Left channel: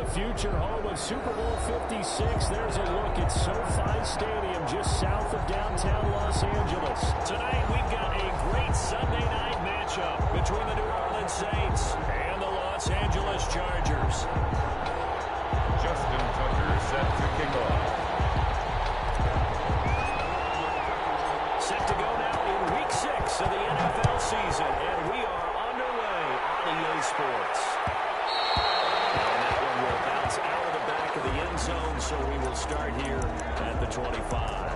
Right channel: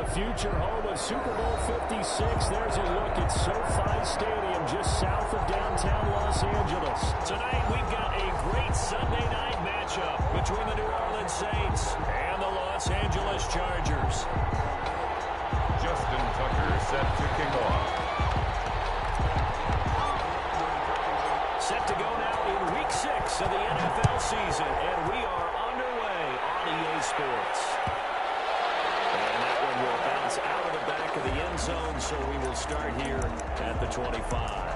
the future home of Super Bowl 56. There's a look at SoFi Stadium just south of downtown Los Angeles. Tonight we've got a great Sunday night matchup between the New Orleans Saints and the Los Angeles Chargers. Justin Tucker set to kick off. Set to go now in Week 6 of the NFL season, and we are underway on EA Sports. And that one will bounce out of the back of the end zone, so we will start here at the 25.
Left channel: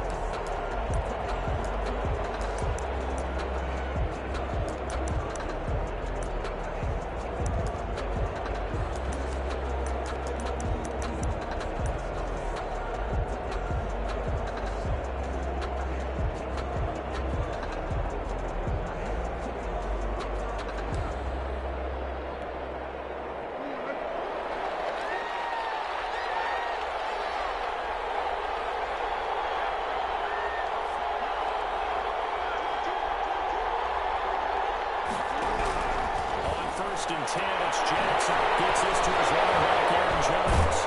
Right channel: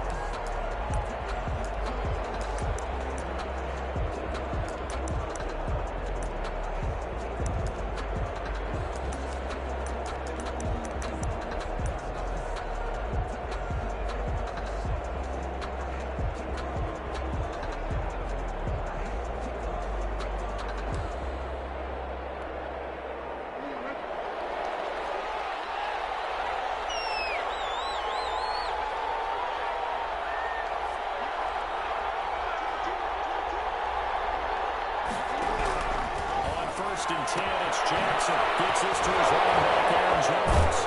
First and 10, it's Jackson. Gets this to his running back, Aaron Jones.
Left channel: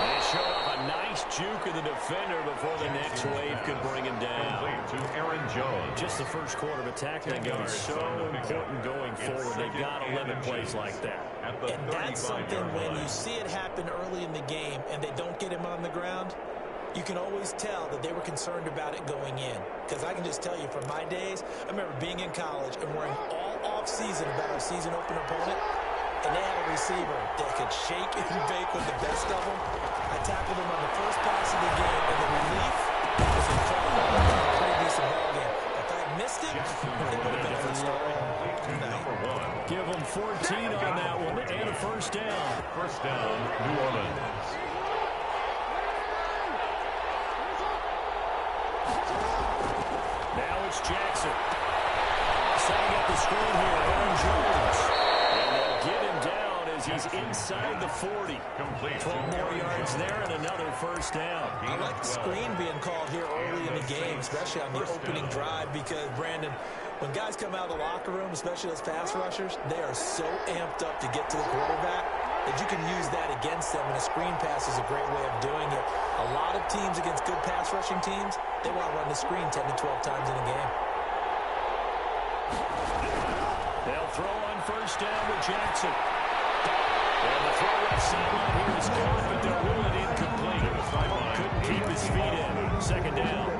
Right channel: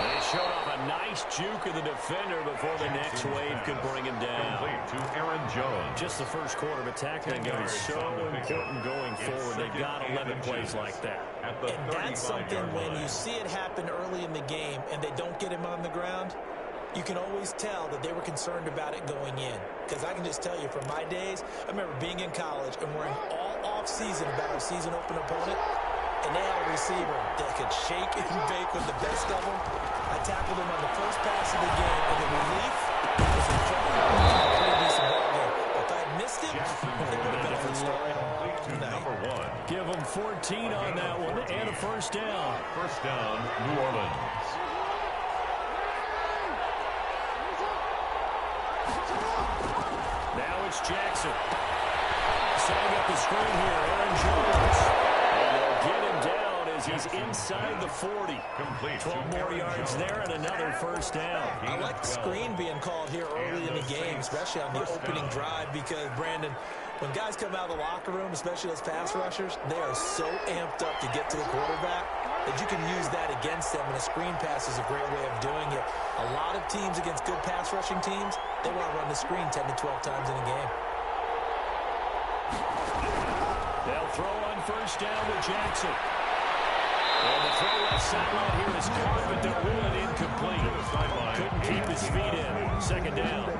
And he showed off a nice juke of the defender before the next wave could bring him down. Complete to Aaron Jones. Just the first quarter of attack that is so important going forward. They've got 11 plays like that. And that's something when you see it happen early in the game and they don't get him on the ground, you can always tell that they were concerned about it going in. Because I can just tell you from my days, I remember being in college and worrying all off-season about our season opener opponent, and they had a receiver that could shake and bake with the best of them. I tackled him on the first pass of the game, and the relief was incredible. A pretty decent ball game. But if I had missed him, it would have been a different story. Number 1. Give them 14 on that one and a first down. First down, New Orleans. Now it's Jackson. Setting up the screen here, Aaron Jones. And they'll get him down as he's inside the 40. Complete. 12 more yards there and another first down. I like the screen being called here early in the game, especially on the opening drive, because, Brandon, when guys come out of the locker room, especially those pass rushers, they are so amped up to get to the quarterback that you can use that against them, and a screen pass is a great way of doing it. A lot of teams against good pass rushing teams, they want to run the screen 10 to 12 times in a game. They'll throw on first down with Jackson. And the throw left sideline here is caught, but they'll rule it incomplete. Couldn't keep his feet in. Second down.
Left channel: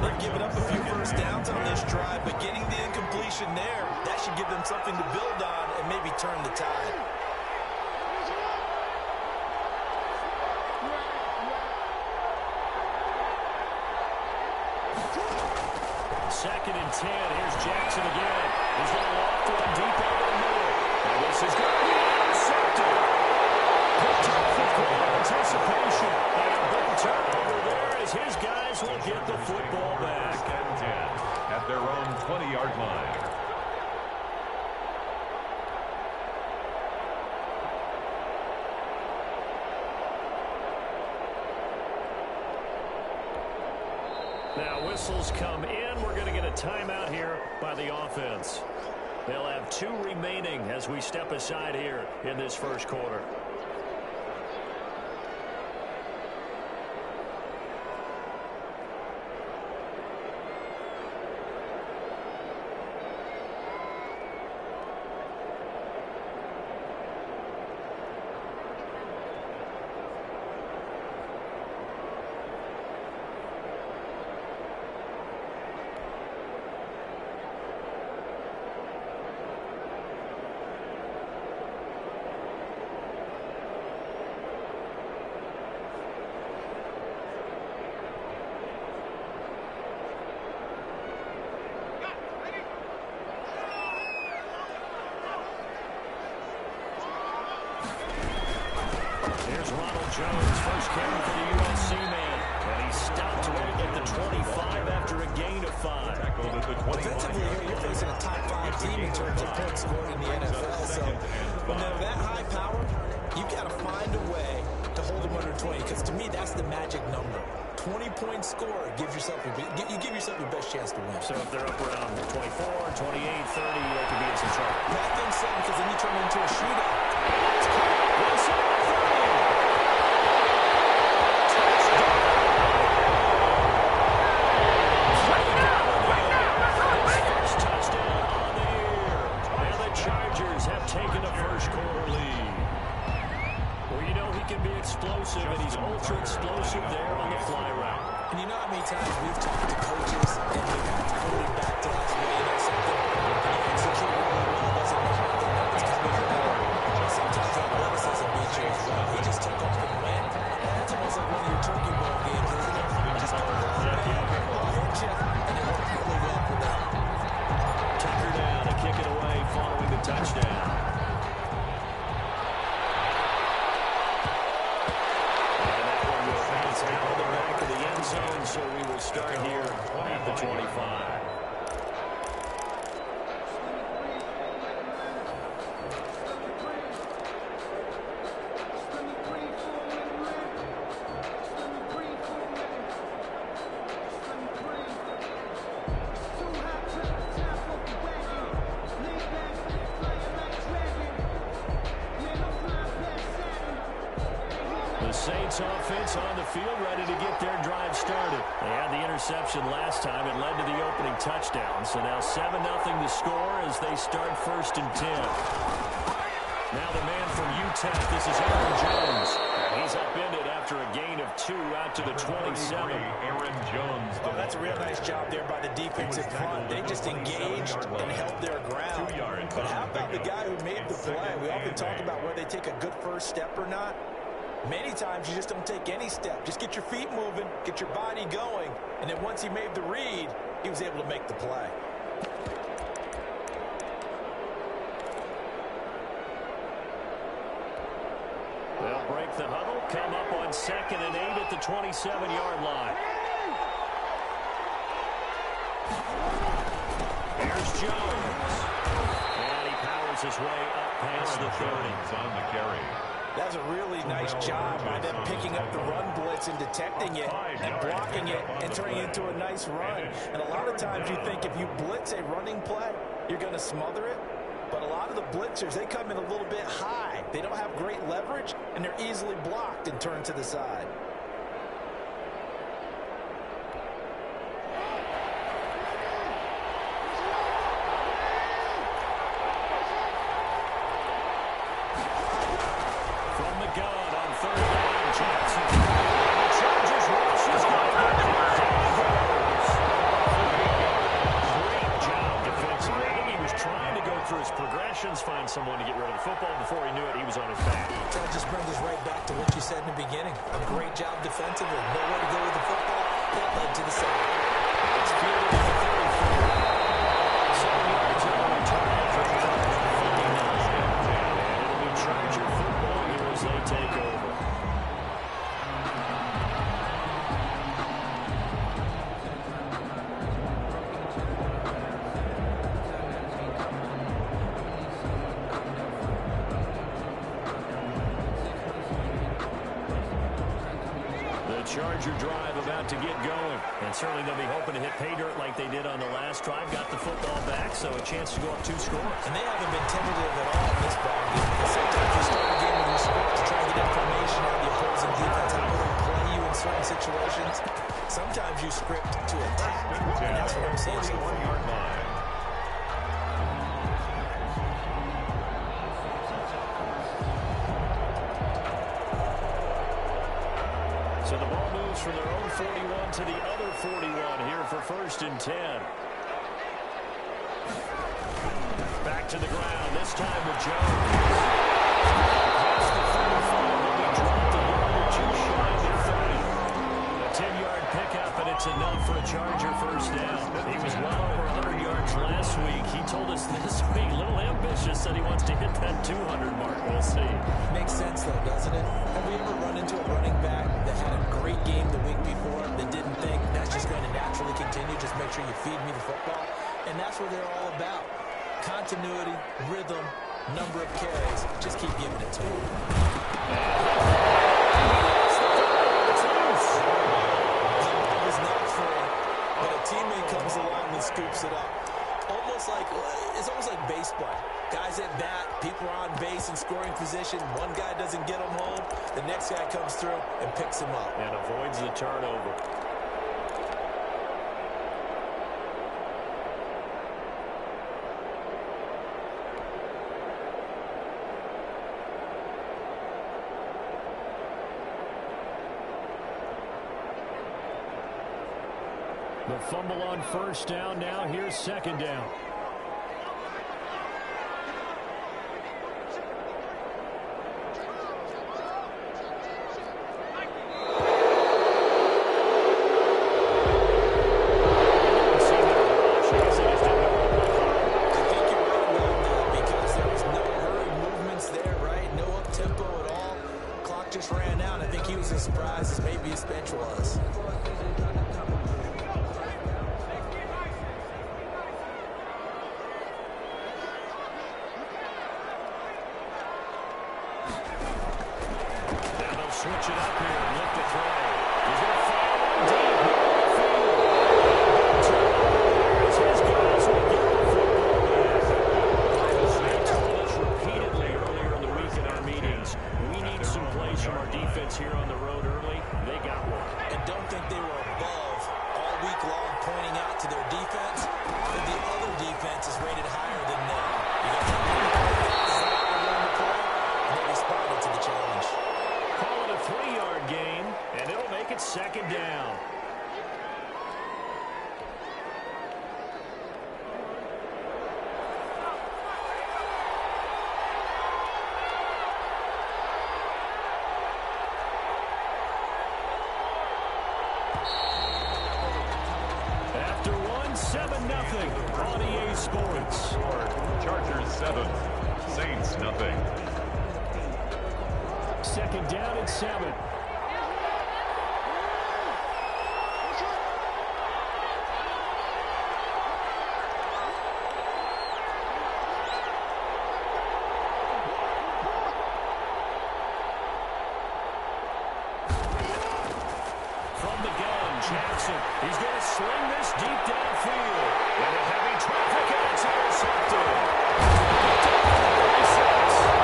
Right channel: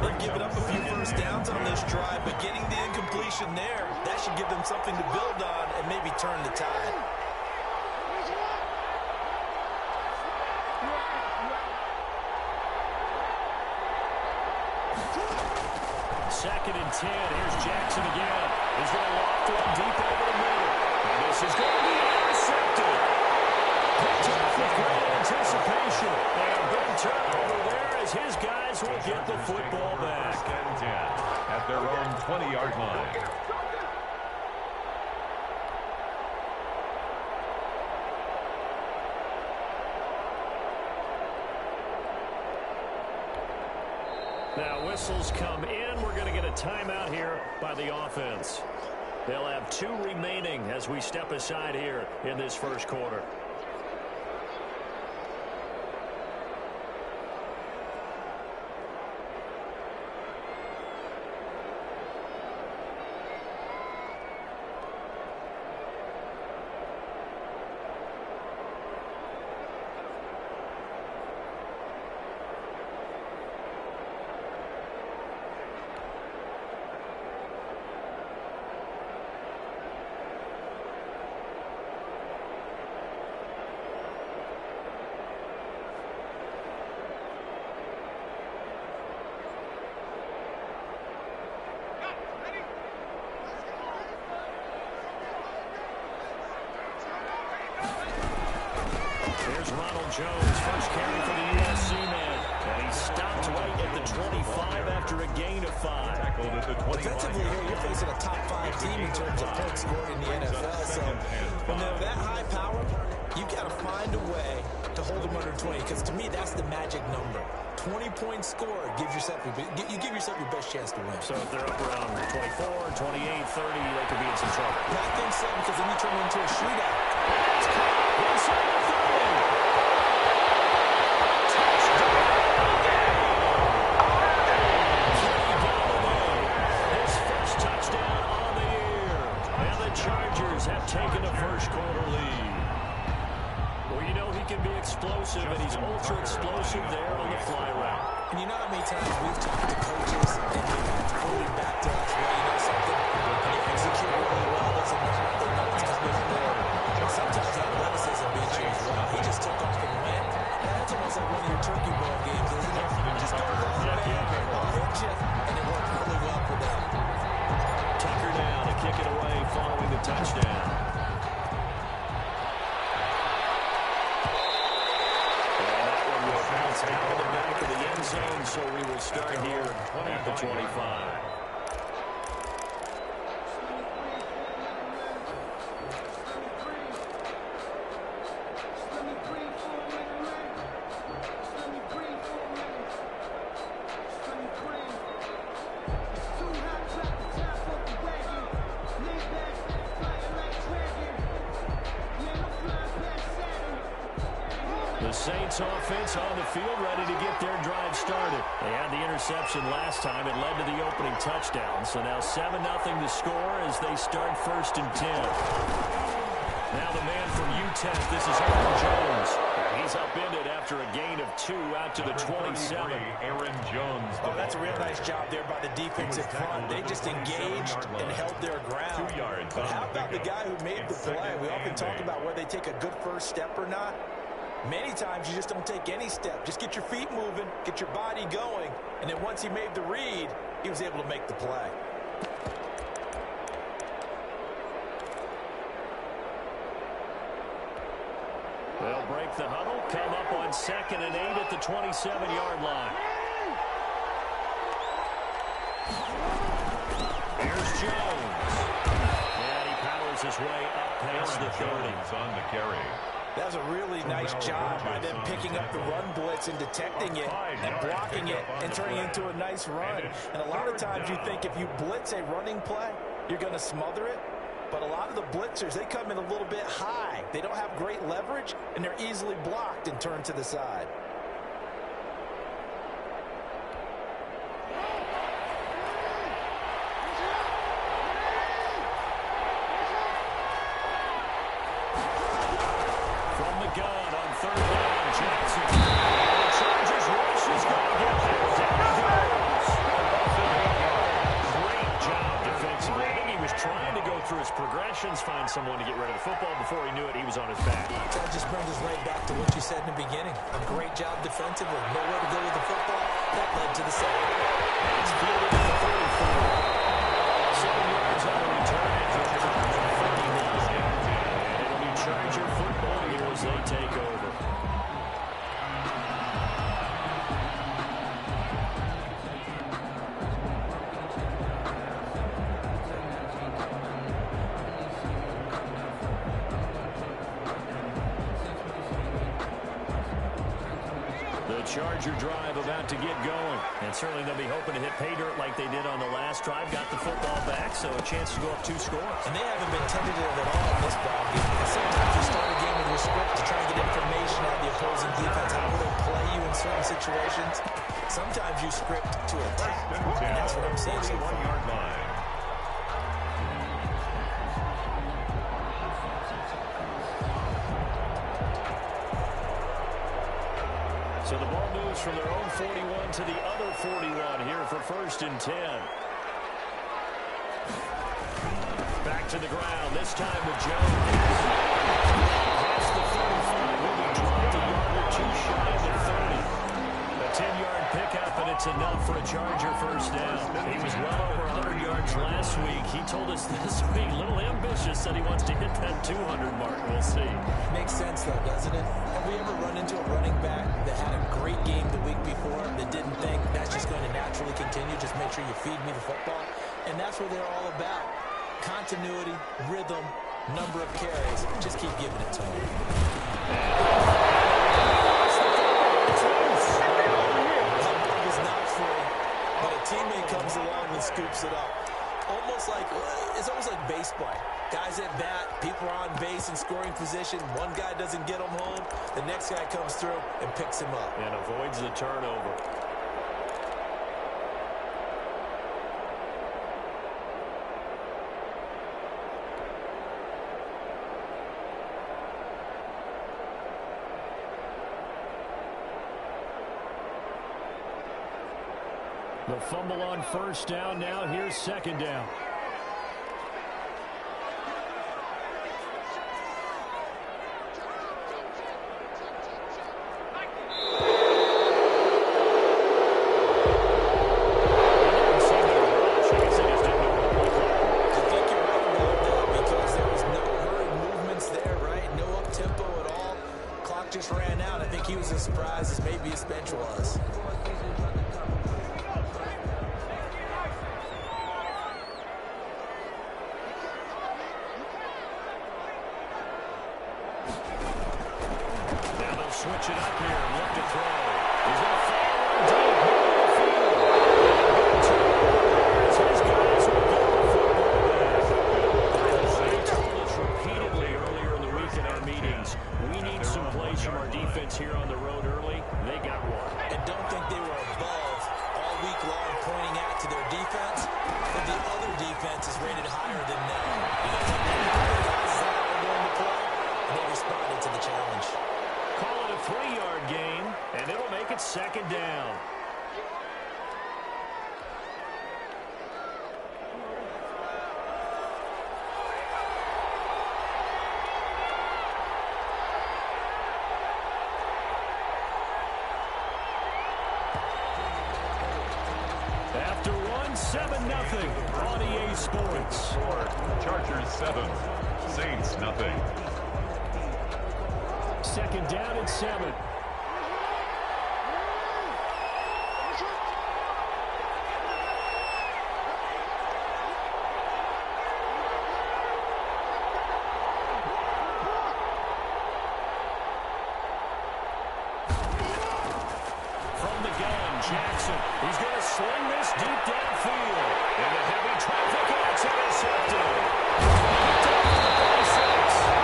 They've given up a few first downs on this drive, but getting the incompletion there, that should give them something to build on and maybe turn the tide. Second and 10. Here's Jackson again. He's going to loft one deep over the middle. And this is going to be intercepted. Picked off with great anticipation. And a big turnover there as his guys will get the football back. First and 10 at their own 20-yard line. Now whistles come in. We're going to get a timeout here by the offense. They'll have 2 remaining as we step aside here in this first quarter. There's Ronald Jones, first carry for the USC man. And he stopped right at the 25 after a gain of 5. Tackled at the 25. Defensively here, you're facing a top 5 team in terms of points scored in the NFL. So when they're that high power, you've got to find a way to hold them under 20. Because to me, that's the magic number. 20 points scored gives yourself you give yourself your best chance to win. So if they're up around 24, 28, 30, they could be in some trouble. I think so, because then you turn it into a shootout. And that's caught inside the 30. have taken a first-quarter lead. Well, you know he can be explosive, and he's ultra-explosive there on the fly route. And you know how many times we've talked to coaches, and they've had to quote back to us, well, you know something, when you execute really well, doesn't mean that they know it's coming from there. Sometimes athleticism beats you as well. He just took off and went. And that's almost like one of your turkey ball games, isn't it? Just go along, man, I'll hit you, and it worked really well for them. Tucker down to kick it away following the touchdown. And that one will bounce out of the back of the end zone, so we will start here at the 25. The Saints offense on the field, ready to get their drive started. They had the interception last time. It led to the opening touchdown. So now 7-0 the score as they start 1st and 10. Now the man from UTEP, this is Aaron Jones. And he's upended after a gain of 2 out to the 27. Aaron Jones. Oh, that's a real nice job there by the defensive front. They just engaged and held their ground. 2 yards. But how about the guy who made the play? We often talk about whether they take a good first step or not. Many times you just don't take any step. Just get your feet moving, get your body going, and then once he made the read, he was able to make the play. They'll break the huddle, come up on 2nd and 8 at the 27-yard line. Here's Jones. And he powers his way up past the 30. On the carry. That was a really nice job by them picking up the run blitz and detecting it and blocking it and turning it into a nice run. And a lot of times you think if you blitz a running play, you're going to smother it. But a lot of the blitzers, they come in a little bit high. They don't have great leverage, and they're easily blocked and turned to the side. Gun on 3rd down, Jackson. And the Chargers rush is going to get there. Down he goes. Great job defensively. I think he was trying to go through his progressions, find someone to get rid of the football. Before he knew it, he was on his back. That just brings us right back to what you said in the beginning. A great job defensively. Nowhere to go with the football. That led to the sack. It's fielded at the 44. 7 yards on the return after a charge of 59. And it'll be Charger football here as they take over. The Charger drive about to get going. And certainly they'll be hoping to hit pay dirt like they did on the last drive. Got the football back, so a chance to go up 2 scores. And they haven't been tentative at all in this ball game. Because sometimes you start a game with your script to try and get information out of the opposing defense. How will they play you in certain situations? Sometimes you script to attack. And that's what I'm seeing so far. 1-yard line. So the ball moves from their own 41 to the other 41 here for 1st and 10. Back to the ground, this time with Jones. Past the 35, will be dropped a yard or 2 shy of the 30. A 10-yard pickup, and it's enough for a Charger first down. He was well over 100 yards last week. He told us this week, a little ambitious, said he wants to hit that 200 mark. We'll see. Makes sense, though, doesn't it? Have we ever run into a running back that had a great game the week before that didn't think that's just going to naturally continue? Just make sure you feed me the football. And that's what they're all about. Continuity, rhythm, number of carries. Just keep giving it to him. It's loose. The ball is not free, but a teammate comes along and scoops it up. It's almost like base play. Guys at bat, people are on base in scoring position. One guy doesn't get them home. The next guy comes through and picks him up. And avoids the turnover. The fumble on first down. Now here's second down. Just ran out. I think he was as surprised as maybe his bench was. Now they'll switch it up here and look to throw. He's going to fire one deep, middle of the field. As his guys will get the football back. They told us repeatedly earlier in the week in our meetings, we need some plays from our defense here on the road early. They got one. And don't think they were above all week long pointing out to their defense, but the other defense is rated higher than them. You know, the guys are going to play, and they responded to the challenge. Call it a 3-yard gain, and it'll make it second down. After one, 7-0 on EA Sports. Chargers 7, Saints nothing. Second down and 7. From the gun, Jackson. He's going to sling this deep downfield. Into heavy traffic, and it's intercepted. Picked up for the 36.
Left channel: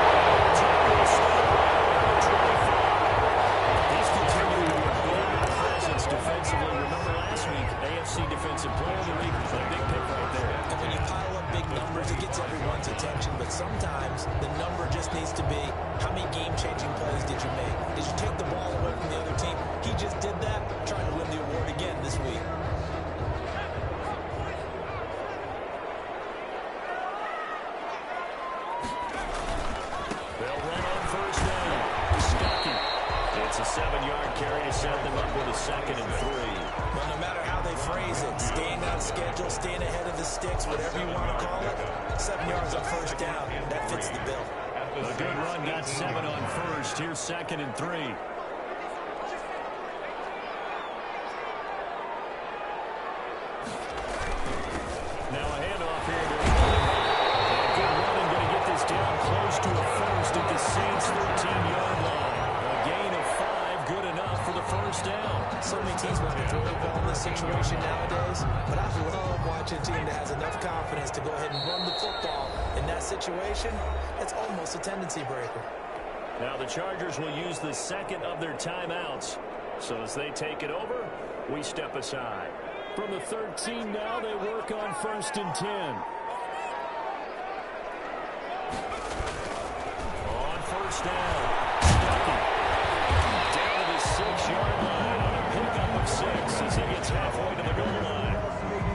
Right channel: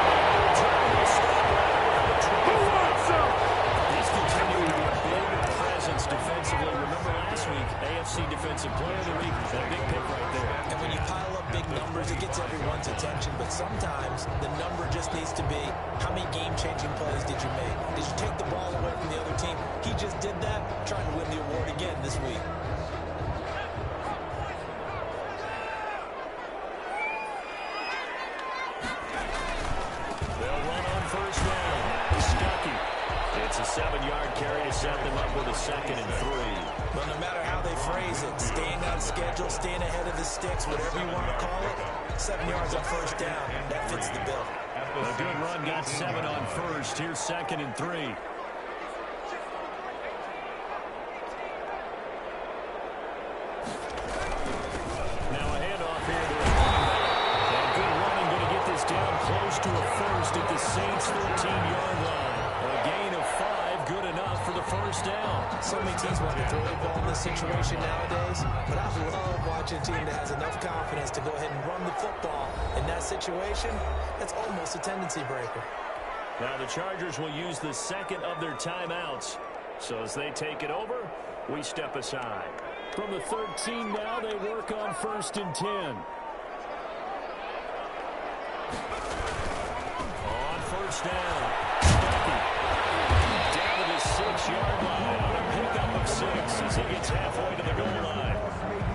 And the return will start right around the 25. He's continuing to be a big presence defensively. Remember last week, AFC Defensive Player of the Week, that big pick right there. And when you pile up big numbers, it gets everyone's attention. But sometimes the number just needs to be, how many game-changing plays did you make? Did you take the ball away from the other team? He just did that, trying to win the award again this week. They'll run on first down. Stuckey. It's a 7-yard carry to set them up with a 2nd and 3. Well, no matter how they phrase it, staying on schedule, staying ahead of the sticks, whatever you want to call it, 7 yards on first down, that fits the bill. A good run got 7 on first. Here's 2nd and 3. Now a handoff here to his running back. And good running, going to get this down close to a first at the Saints' 13-yard line. A gain of 5, good enough for the first down. So many teams want to throw the ball in this situation nowadays, but I love watching a team that has enough confidence to go ahead and run the football. In that situation, that's almost a tendency breaker. Now the Chargers will use the second of their timeouts. So as they take it over, we step aside. From the 13 now, they work on 1st and 10. On first down, Stuckey. Down to the 6-yard line on a pickup of 6 as he gets halfway to the goal line.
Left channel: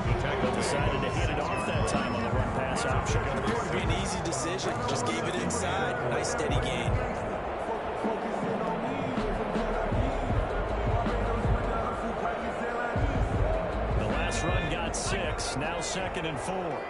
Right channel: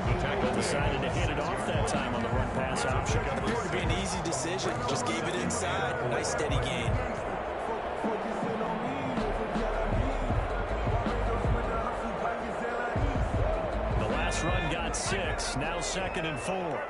The tackle decided to hit it off that time on the run-pass option. It would be an easy decision. Just gave it inside. Nice steady gain. The last run got 6. Now 2nd and 4.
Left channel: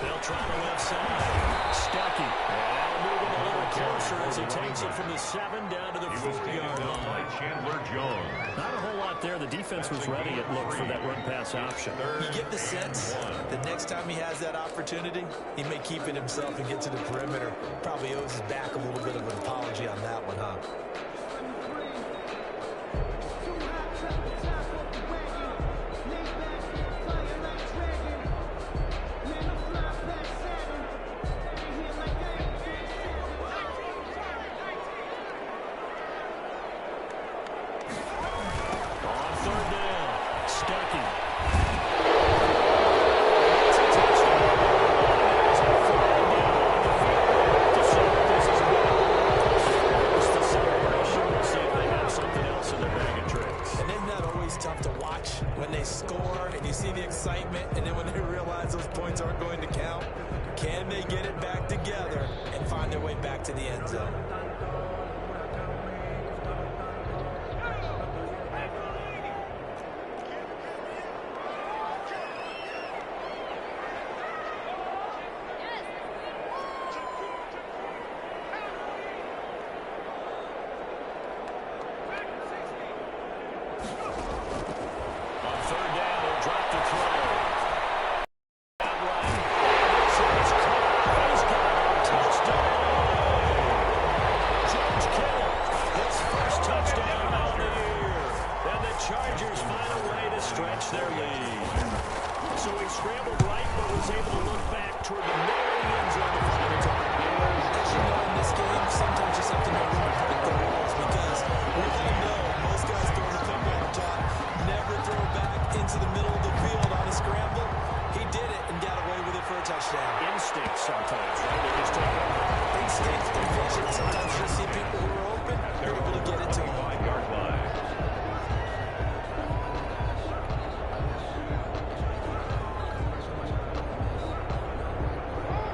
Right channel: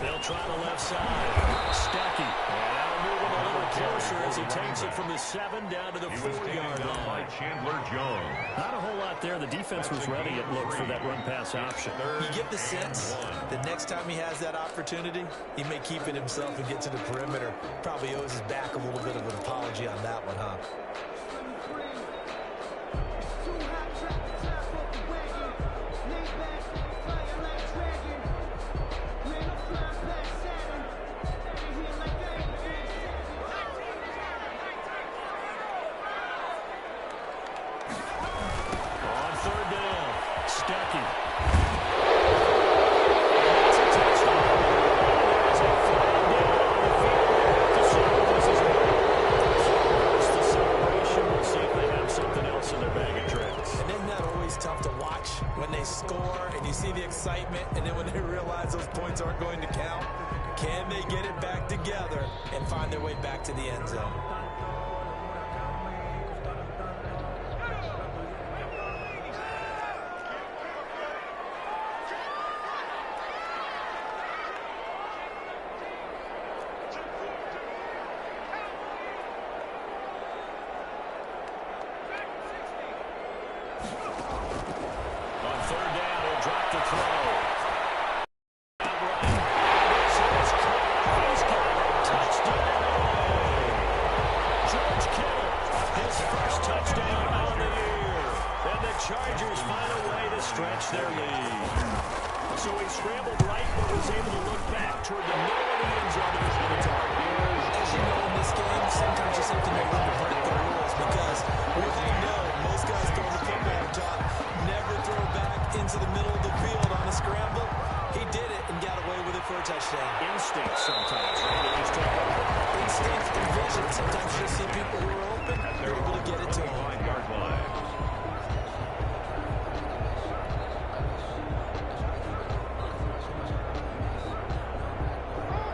They'll try the left side. Stuckey. And that'll move him a little closer as he takes it from the 7 down to the 4-yard line. By Chandler Jones. Not a whole lot there. The defense was ready at look for that run-pass option. You get the sense that next time he has that opportunity, he may keep it himself and get to the perimeter. Probably owes his back a little bit of an apology on that one, huh? excitement, and then when they realize those points aren't going to count, can they get it back together and find their way back to the end zone? Chargers find a way to stretch their lead. So he scrambled right, but was able to look back toward the middle of the end zone to find a target. As you know, in this game, sometimes you just have to know when to break the rules, because we all know most guys throwing the football top never throw back into the middle of the field on a scramble. He did it and got away with it for a touchdown. Instinct sometimes, right? They just take over. Instinct and vision. Sometimes you just see people who are open, you're able to get it to them. 5-yard line.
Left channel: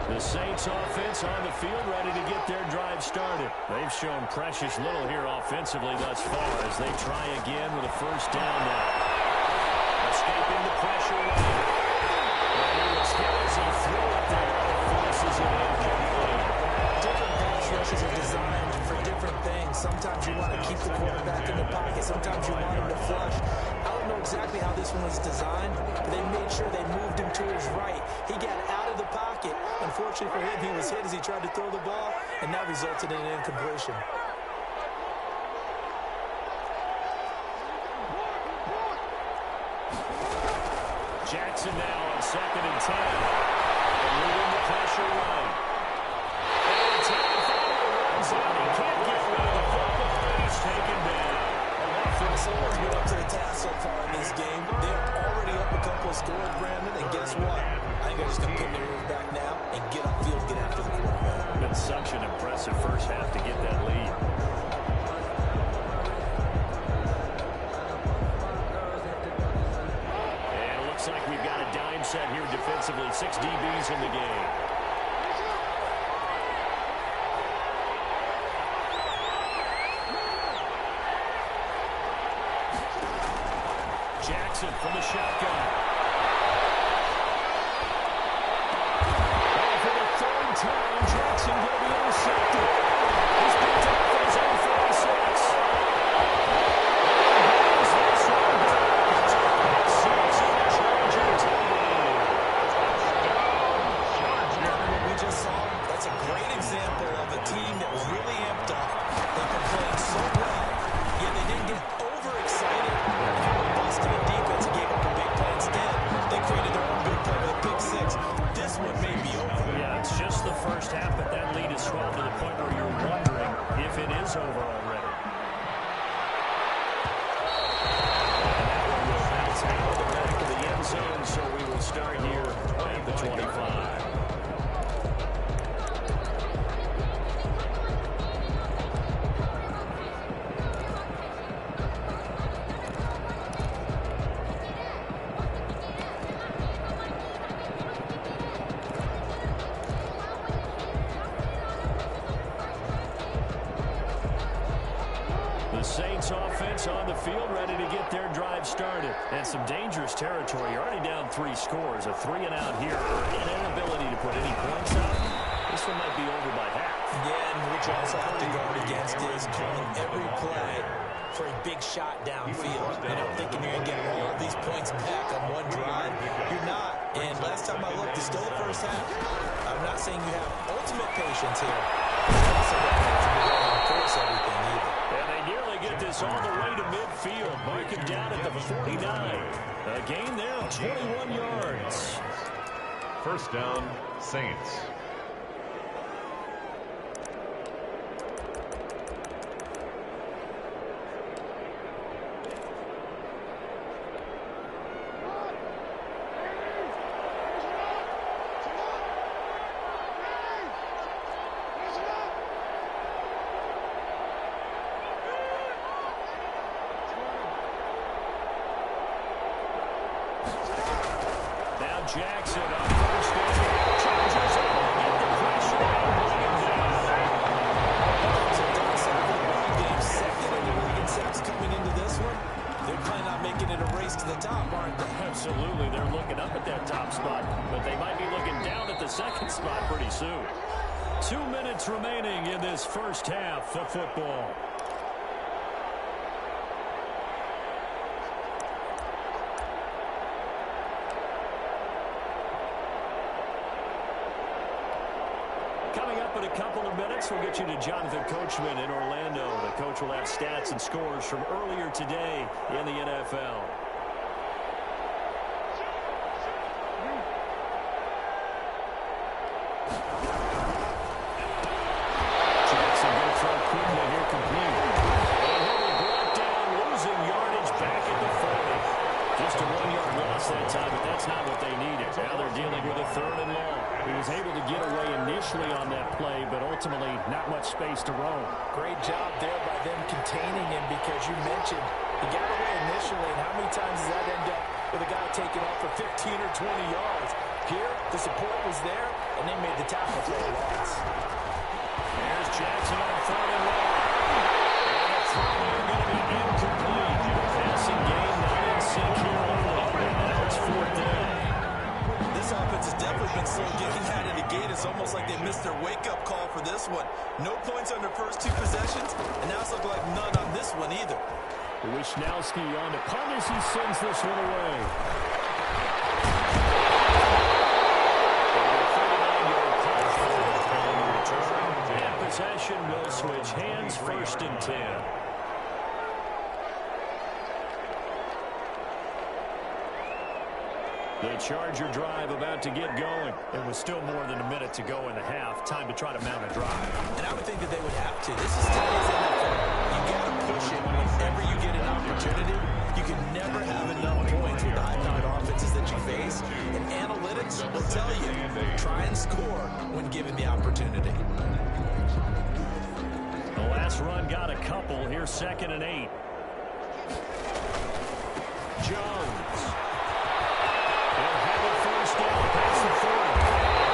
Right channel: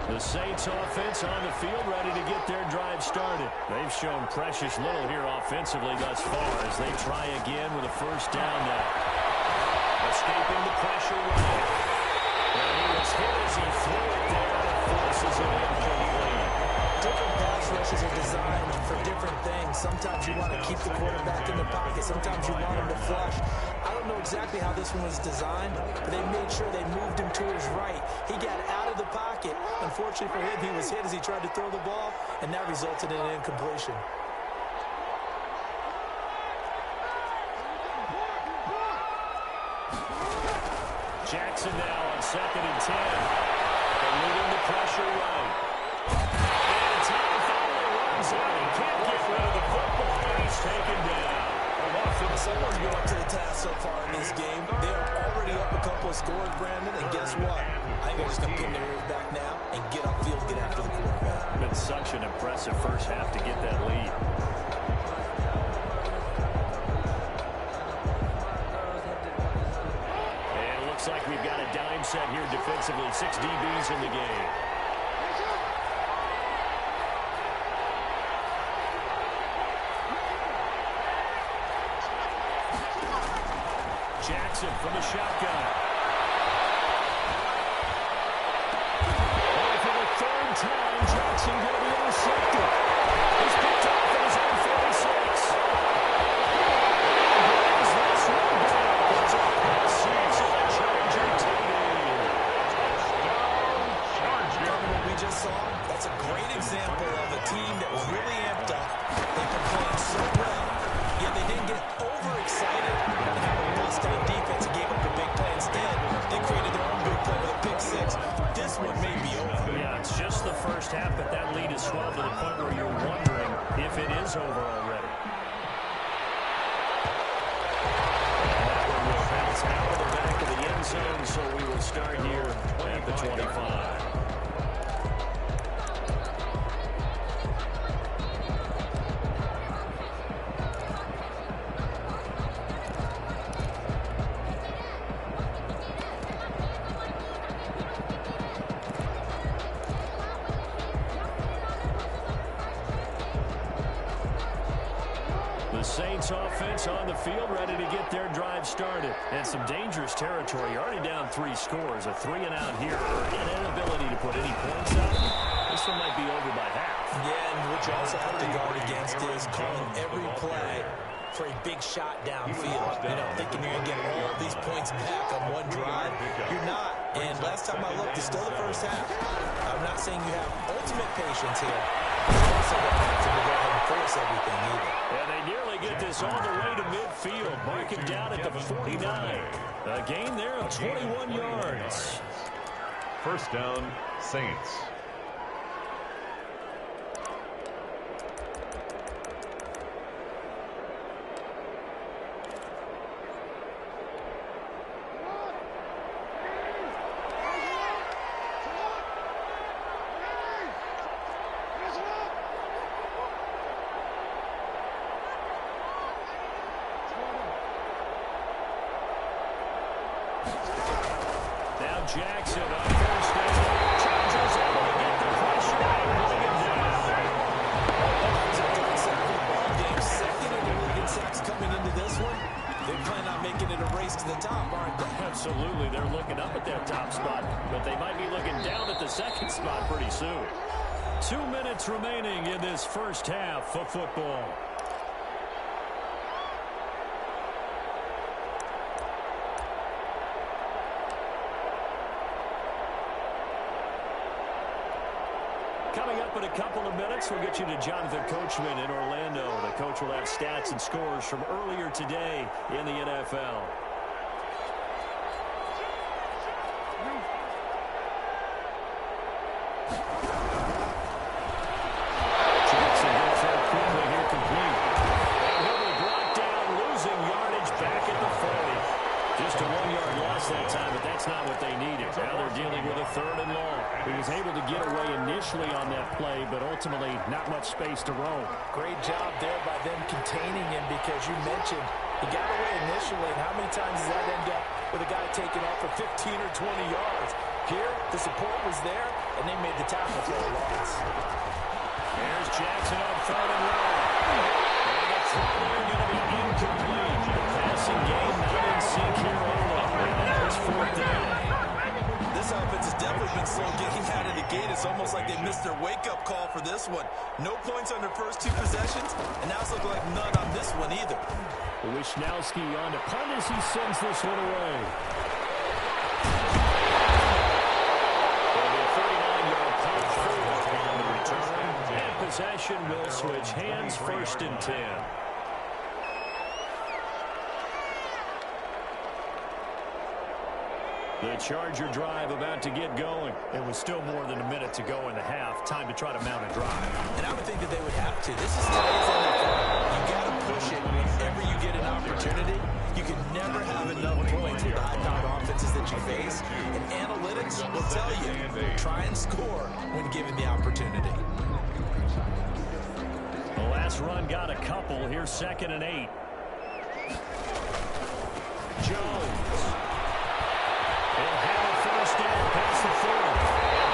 The Saints offense on the field ready to get their drive started. They've shown precious little here offensively thus far as they try again with a first down now. Escaping the pressure right. And he was hit as he threw it there and forces it incomplete. Different pass rushes are designed for different things. Sometimes you want to keep the quarterback in the pocket. Sometimes you want him to flush. I don't know exactly how this one was designed, but they made sure they moved him to his right. He got out of the pocket. Unfortunately for him, he was hit as he tried to throw the ball, and that resulted in an incompletion. Jackson now on 2nd and 10. Eluding the pressure right. And time finally runs out. He can't get rid of the football, and he's taken down. Someone's been up to the task so far in this game. They're already up a couple of scores, Brandon, and guess what? I think they're just going to pin their ears back now and get upfield, get after the quarterback. Been such an impressive first half to get that lead. And it looks like we've got a dime set here defensively. 6 DBs in the game. Jackson from the shotgun. Oh, for the 3rd time, Jackson going to be intercepted. He's picked off at his own 46. And brings this one back. It's a pick six and a Charger TD. Touchdown, Charger. What we just saw, that's a great example of a team that was really amped up. They've been playing so well, yet they didn't get overexcited and have a bust to the defense and gave up a big play. Instead, they created their own big play with a pick six. This one may be over. Yeah, it's just the first half, but that lead is swelled to the point where you're wondering if it is over already. And that one will bounce out of the back of the end zone, so we will start here at the 25. Saints offense on the field ready to get their drive started. And some dangerous territory. You're already down 3 scores. A 3-and-out here. An inability to put any points up. This one might be over by half. Yeah, and what you also have to guard against is calling every play for a big shot downfield. You know, thinking you're going to get all of these points back on one drive. You're not. And last time I looked, it's still the first half. I'm not saying you have ultimate patience here. You're also going to have to go ahead and force everything either. And they nearly get this all the way to midfield. Mark it down at the 49. A gain there of 21 yards. First down, Saints. Jackson on first down. Chargers able to get the pressure and bring him down. It's a third sack of the ball game. Second in the league in sacks coming into this one. They're planning on making it a race to the top, aren't they? Absolutely. They're looking up at that top spot, but they might be looking down at the second spot pretty soon. 2 minutes remaining in this first half of football. Coming up in a couple of minutes, we'll get you to Jonathan Coachman in Orlando. The coach will have stats and scores from earlier today in the NFL. Jackson going to throw quickly here, complete. And he'll be brought down, losing yardage back at the 40. Just a 1-yard loss that time, but that's not what they needed. Now they're dealing with a third and long. He was able to get away initially on that play, but ultimately not much space to roam. Great job there by them containing him, because you mentioned he got away initially, and how many times does that end up with a guy taking off for 15 or 20 yards? Here, the support was there, and they made the tackle for a loss. There's Jackson on third and long. And the throw there going to be incomplete. Passing game not in sync here early. And now it's fourth down. This offense has definitely been slow getting out of the gate. It's almost like they missed their wake-up call for this one. No points on their first 2 possessions, and now it's looking like none on this one either. Wishnowski on to punt as he sends this one away. A 39-yard punt on the return. And possession will switch hands, first and 10. The Charger drive about to get going. It was still more than a minute to go in the half. Time to try to mount a drive. And I would think that they would have to. This is today's NFL. You got to push it whenever you get an opportunity. You can never have enough points with the high-powered offenses that you face. And analytics will tell you, try and score when given the opportunity. The last run got a couple. Here's 2nd and 8. Jones. He'll have a first down past the 40.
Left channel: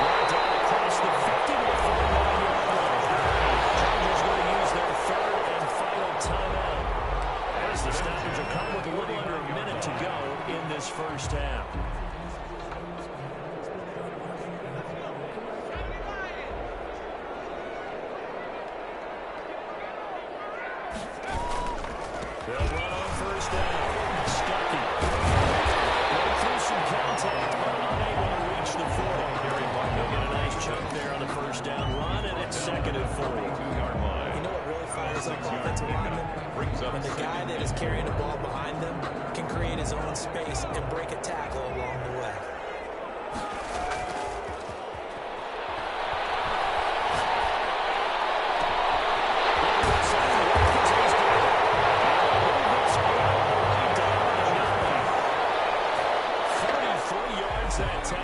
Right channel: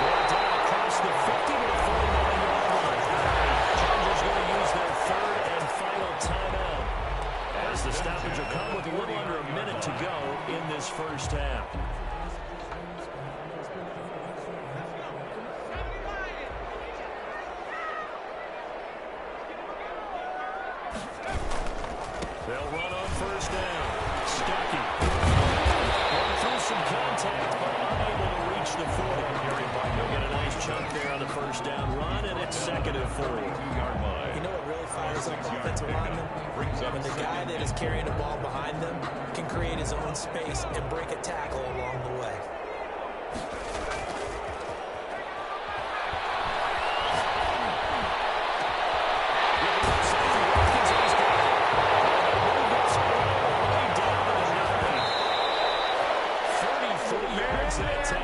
Brought down across the 50 to the 49-yard line. Chargers going to use their third and final timeout, as the stoppage will come with a little under a minute to go in this first half. They'll run on first down. Stuckey. Went through some contact, but unable to reach the 40. He'll get a nice chunk there on the first down run, and it's 2nd and 4. You know what really fires up offensive linemen? When the guy that is carrying the ball behind them can create his own space and break a tackle along the way. That time.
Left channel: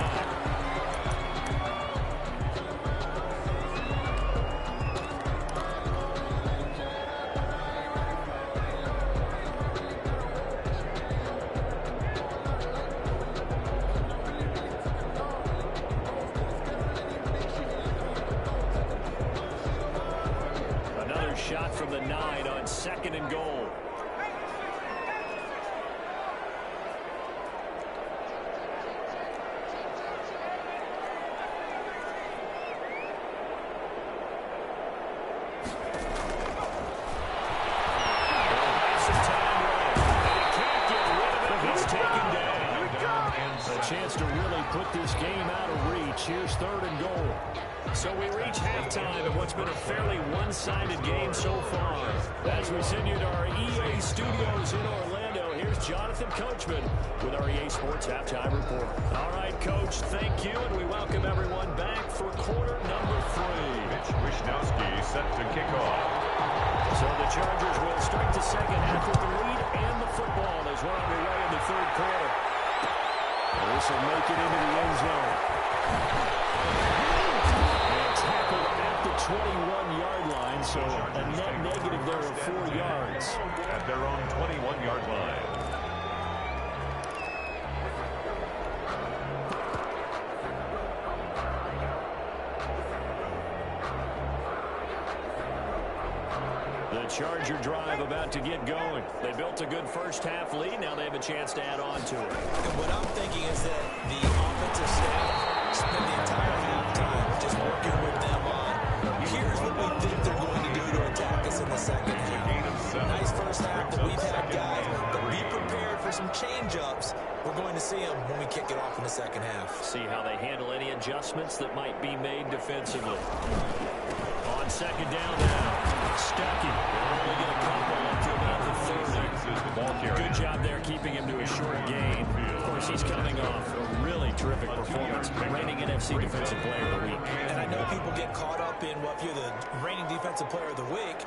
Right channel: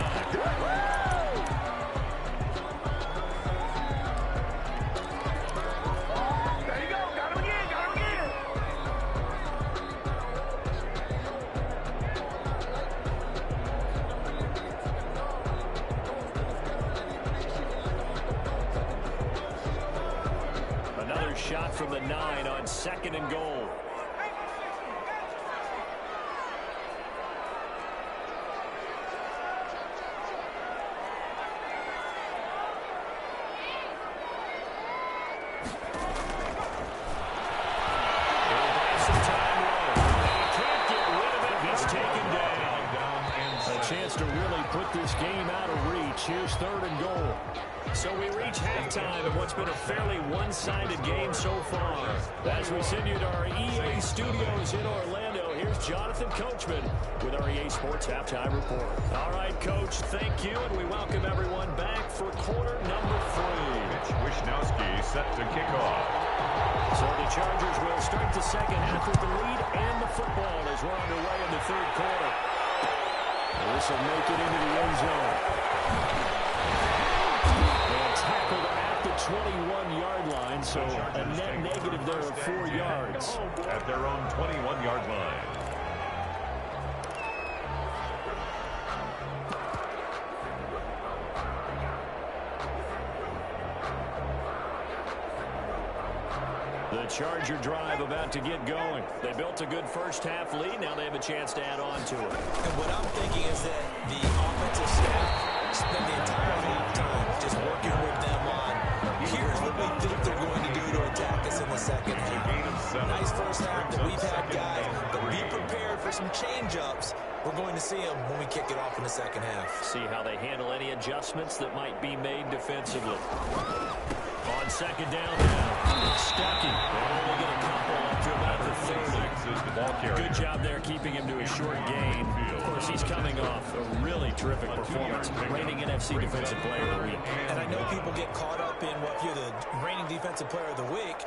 Another shot from the 9 on 2nd and goal. Chance to really put this game out of reach. Here's 3rd and goal. So we reach halftime in what's been a fairly one-sided game so far. As we send you to our EA studios in Orlando, here's Jonathan Coachman with our EA Sports Halftime Report. All right, Coach, thank you, and we welcome everyone back for quarter number 3. Mitch Wishnowski set to kick off. So the Chargers will start the second half with the lead and the football as we're underway in the 3rd quarter. This will make it into the end zone. And tackled at the 21-yard line, so a net negative there of 4 yards. At their own 21-yard line. The Charger drive about to get going. They built a good first-half lead. Now they have a chance to add on to it. And what I'm thinking is that the offensive staff spent the entire halftime just working with them on, here's what we think they're going to do to attack us in the second half. Nice first half that we've had, guys, but be prepared for some change-ups. We're going to see them when we kick it off in the second half. See how they handle any adjustments that might be made defensively. On second down now, Stuckey. They'll only get a couple up to about the 30. Good job there keeping him to a short gain. Of course, he's coming off a really terrific performance, reigning NFC Defensive Player of the Week. And I know people get caught up in, well, if you're the reigning Defensive Player of the Week,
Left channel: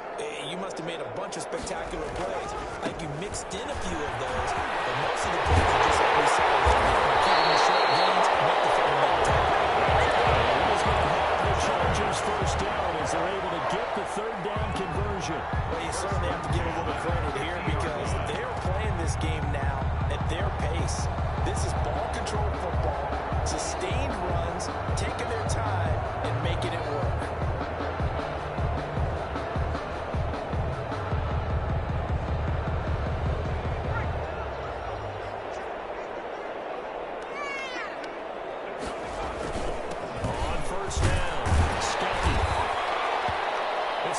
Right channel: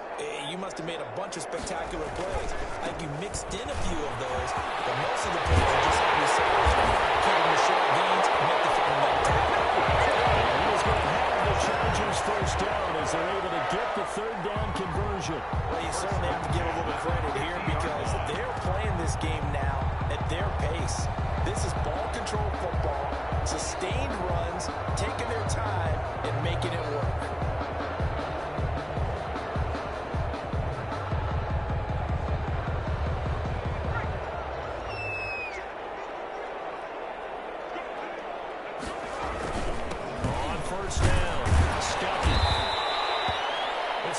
you must have made a bunch of spectacular plays. I think you mixed in a few of those, but most of the plays are just like we said, keeping the short gains, make the fundamental tackle. He's going to have the Chargers first down as they're able to get the third down conversion. Well, you certainly have to give a little credit here because they're playing this game now at their pace. This is ball control football, sustained runs, taking their time and making it work.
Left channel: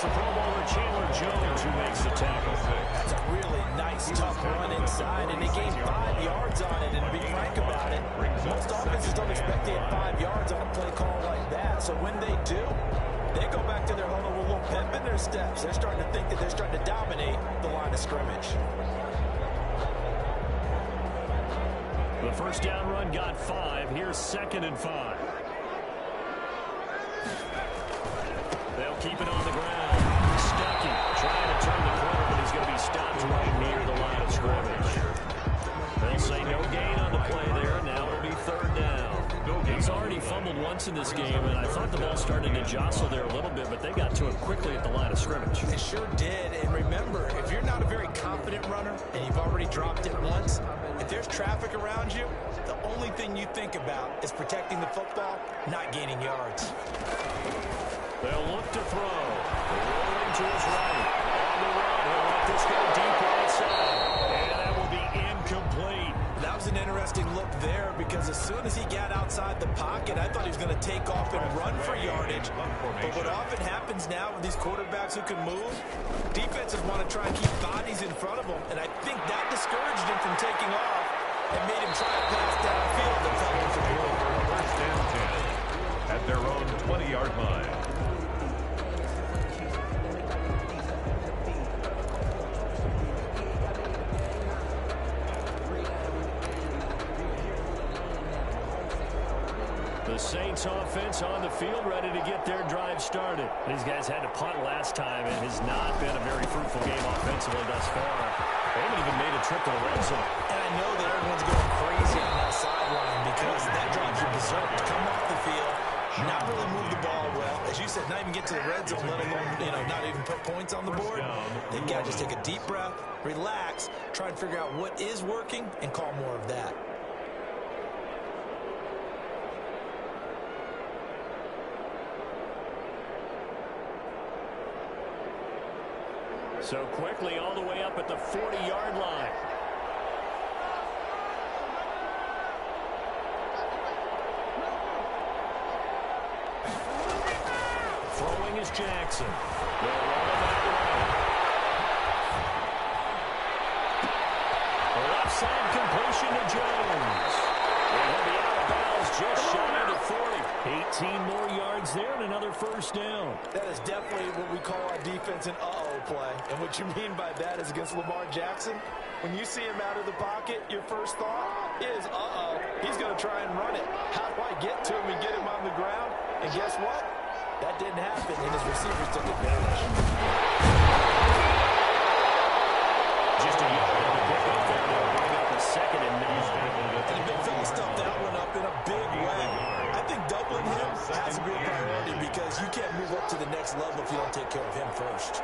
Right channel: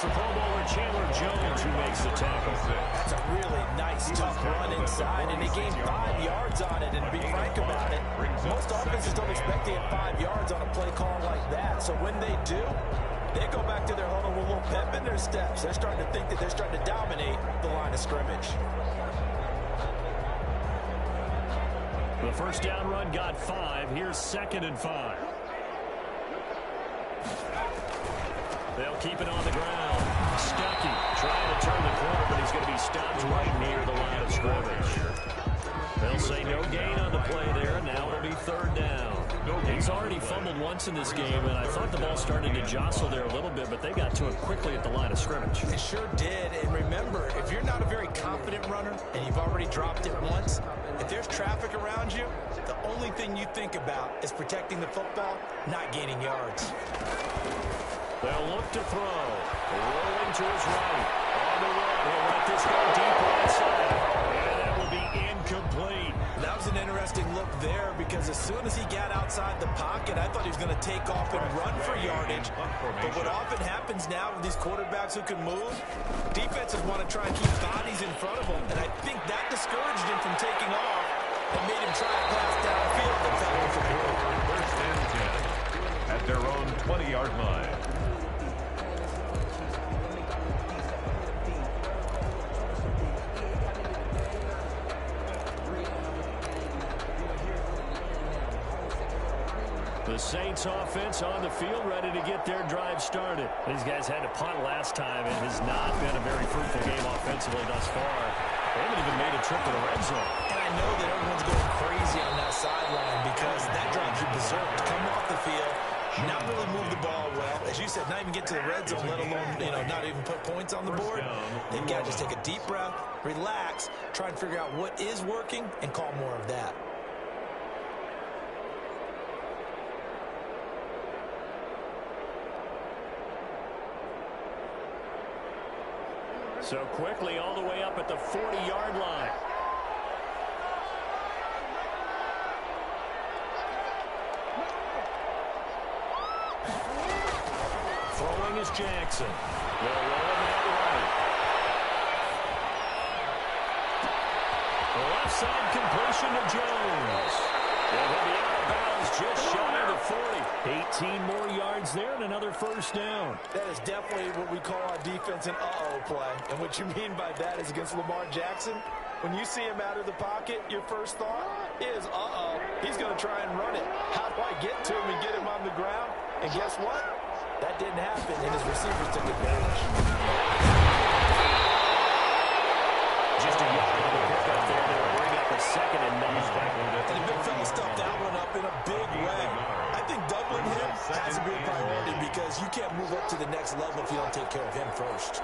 The Pro Bowler Chandler Jones who makes the tackle. That's a really nice, tough run inside, and they gained 5 yards on it. And to be frank about it, most offenses don't expect to get 5 yards on a play call like that. So when they do, they go back to their huddle with a little pep in their steps. They're starting to think that they're starting to dominate the line of scrimmage. The first down run got 5. Here's 2nd and 5. They'll keep it on the ground. Stuckey trying to turn the corner, but he's going to be stopped right near the line of scrimmage. They'll say no gain on the play there. Now it'll be 3rd down. He's already fumbled once in this game, and I thought the ball started to jostle there a little bit, but they got to it quickly at the line of scrimmage. It sure did, and remember, if you're not a very confident runner and you've already dropped it once, if there's traffic around you, the only thing you think about is protecting the football, not gaining yards. They'll look to throw. Rolling to his right. On the run, he'll let this go deep right side. And that will be incomplete. That was an interesting look there because as soon as he got outside the pocket, I thought he was going to take off and run for yardage. But what often happens now with these quarterbacks who can move, defenses want to try and keep bodies in front of them. And I think that discouraged him from taking off and made him try a pass downfield that fell incomplete. 1st and 10 at their own 20-yard line. The Saints offense on the field, ready to get their drive started. These guys had to punt last time. It has not been a very fruitful game offensively thus far. They haven't even made a trip to the red zone. And I know that everyone's going crazy on that sideline because that drives you berserk to come off the field, not really move the ball well. As you said, not even get to the red zone, let alone, not even put points on the board. They've got to just take a deep breath, relax, try and figure out what is working, and call more of that. So quickly all the way up at the 40-yard line. Throwing is Jackson. They'll roll him out right. The left side completion to Jones. And he'll be out of bounds just shy of the 40. 18 more yards there and another first down. That is definitely what we call our defense an uh-oh play. And what you mean by that is against Lamar Jackson, when you see him out of the pocket, your first thought is, uh-oh, he's going to try and run it. How do I get to him and get him on the ground? And guess what? That didn't happen, and his receivers took advantage. Just a yard on the pickup there. They'll bring up a 2nd and 9. And the big fella stuffed that one up in a big way. I think doubling him has to be a priority because you can't move up to the next level if you don't take care of him first.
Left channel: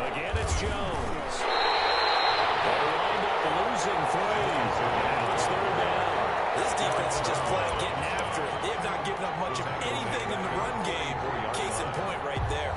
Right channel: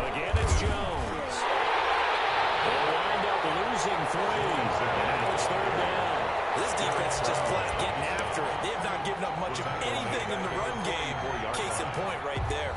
Again, it's Jones. They'll wind up losing 3. And now it's 3rd down. This defense is just flat getting after it. They have not given up much of anything in the run game. Case in point right there.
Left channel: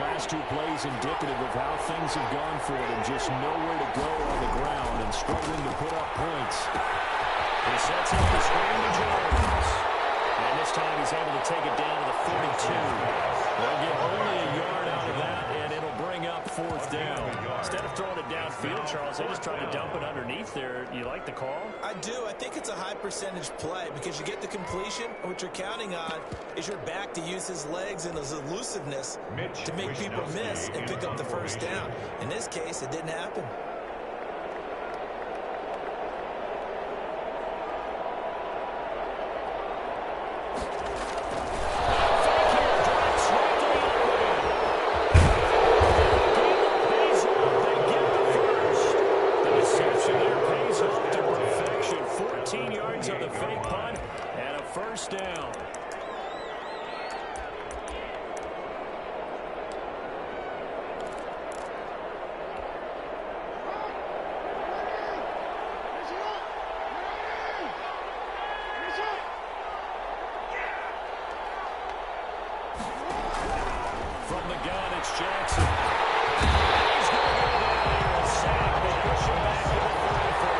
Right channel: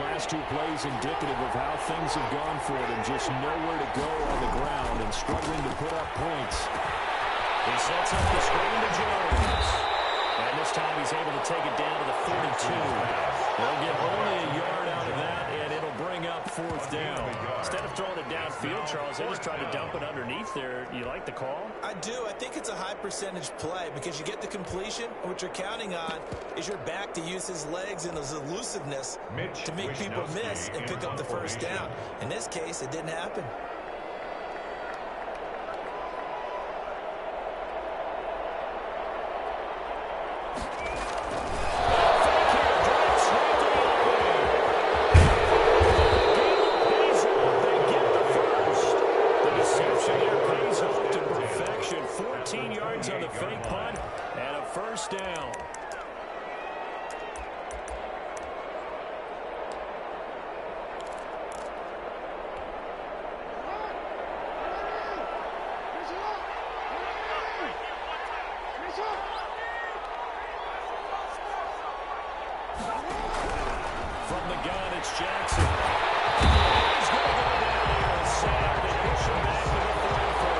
last two plays indicative of how things have gone for them. Just nowhere to go on the ground and struggling to put up points. He sets up the screen to Jones. And this time he's able to take it down to the 42. They'll get only a yard out of that, and it'll bring up fourth down. Instead of throwing it downfield, Charles, they just tried to dump it underneath there. Do you like the call? I do. I think it's a high percentage play because you get the completion, and what you're counting on is your back to use his legs and his elusiveness to make people miss and pick up the first down. In this case, it didn't happen. On the fake punt and a first down. From the gun, it's Jackson. He's going to go down here and sack. They push him back to the 34.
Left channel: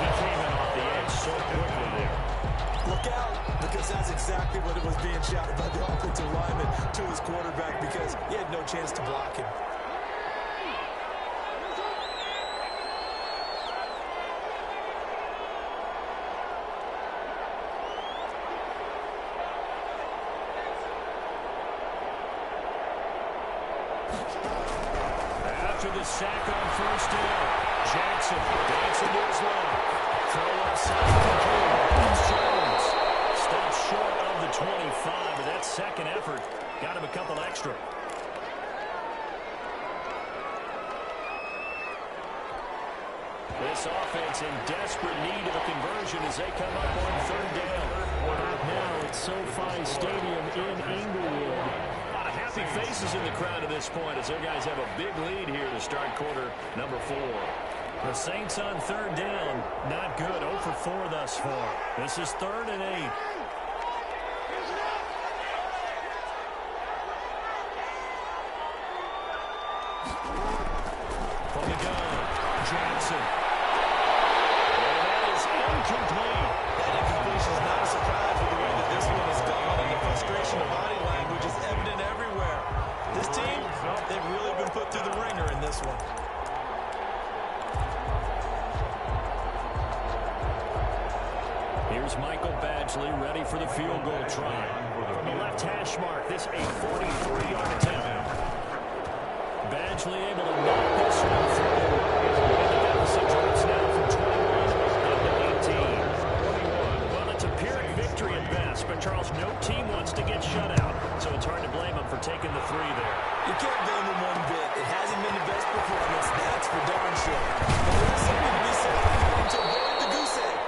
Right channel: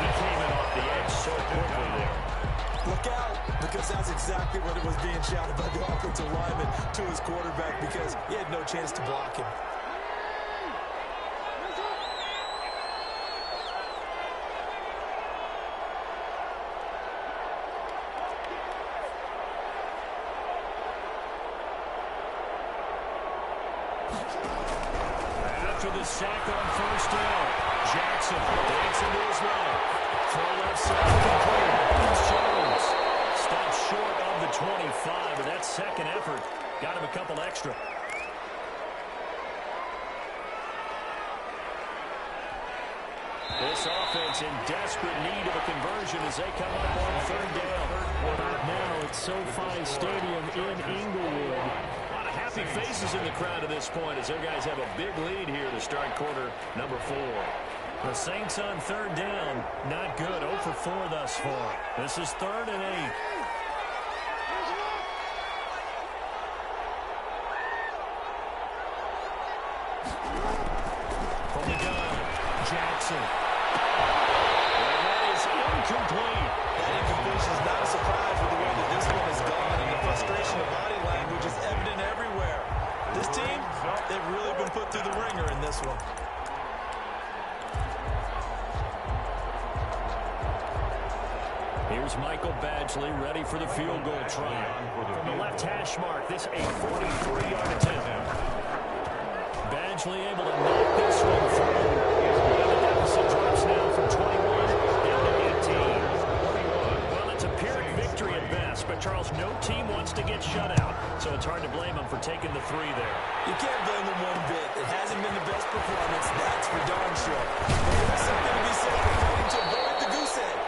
He came in off the edge so quickly there. Look out, because that's exactly what it was being shouted by the offensive lineman to his quarterback because he had no chance to block him. After the sack on first down, Jackson dancing to his left. Throw left side complete. It's Jones. Stops short of the 25, but that second effort got him a couple extra. This offense in desperate need of a conversion as they come up on third down. Back now at SoFi Stadium in Inglewood. A lot of happy faces in the crowd at this point as their guys have a big lead here to start quarter number 4. The Saints on third down. Not good. 0 for 4 thus far. This is 3rd and 8. From the gun, Jackson. And that is incomplete. That incompletion is not a surprise with the way that this one is gone, and the frustration of body language is evident everywhere. This team, they've really been put through the ringer in this one. Here's Michael Badgley ready for the field goal try. From the left hash mark, this a 43-yard attempt. Badgley able to knock this one through. And the deficit drops now from 21 down to 18. Well, it's a Pyrrhic victory at best, but Charles, no team wants to get shut out, so it's hard to blame them for taking the 3 there. You can't blame them one bit. It hasn't been the best performance, that's for darn sure. But there is something to be said for fighting to avoid the goose egg.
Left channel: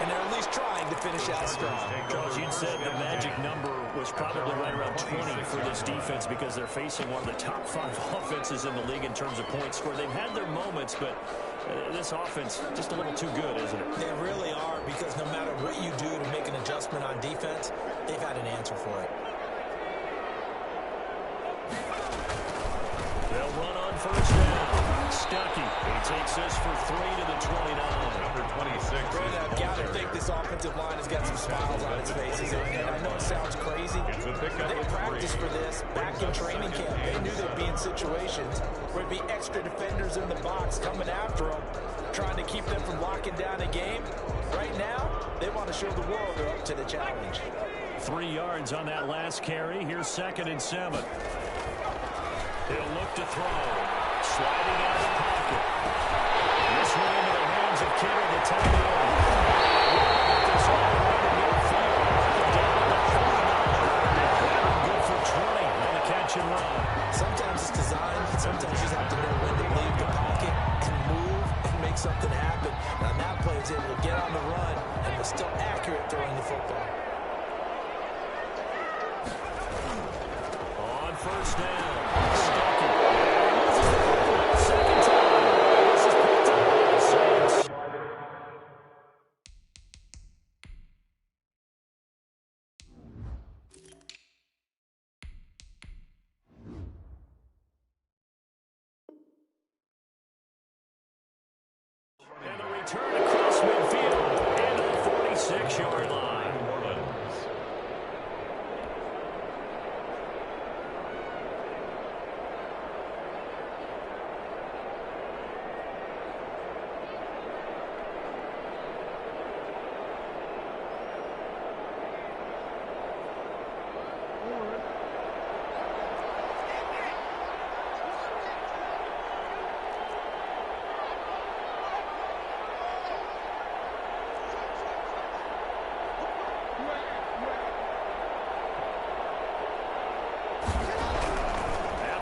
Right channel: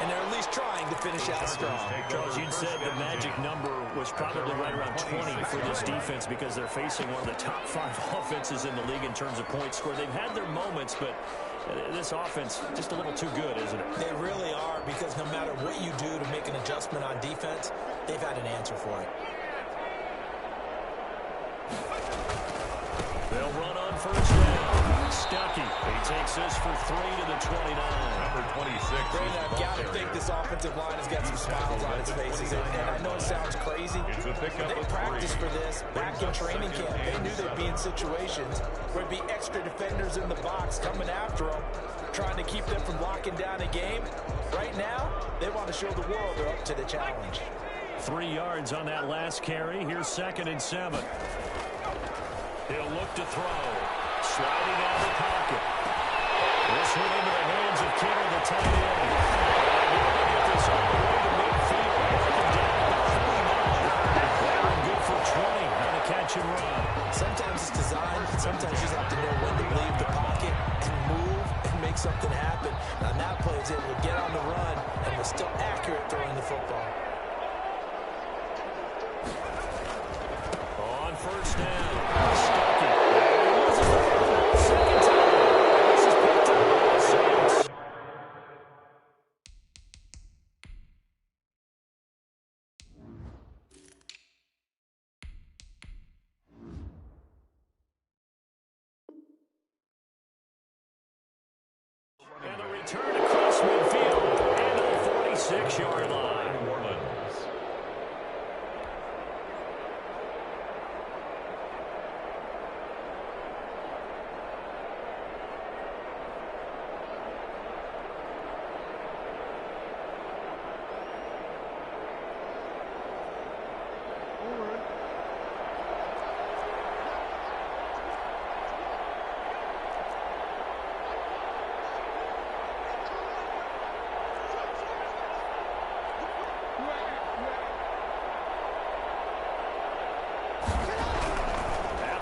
And they're at least trying to finish out strong. Charles, you said the magic number was probably right around 20 for this defense because they're facing one of the top 5 offenses in the league in terms of points scored. They've had their moments, but this offense just a little too good, isn't it? They really are, because no matter what you do to make an adjustment on defense, they've had an answer for it. They'll run on first down. Stuckey. He takes this for 3 to the 29. Number 26. Brandon, I've got to think this offensive line has got some smiles on its faces. And I know it sounds crazy, but they practiced for this back in training camp. They knew they'd be in situations where there'd be extra defenders in the box coming after them, trying to keep them from locking down a game. Right now, they want to show the world they're up to the challenge. 3 yards on that last carry. Here's 2nd and 7. He'll look to throw. Sliding out of the pocket. This one into the hands of Kittle, the tight end. They want to get this all the way to midfield. They're down at the 49. They're good for 20 on the catch and run. Sometimes it's designed. Sometimes you just have to know when to leave the pocket and move and make something happen. Now, that play is able to get on the run and was still accurate throwing the football. On first down, Stuckey. He loses the football 2nd time. This is picked up by the Saints. return across midfield and to the 46-yard line. New Orleans.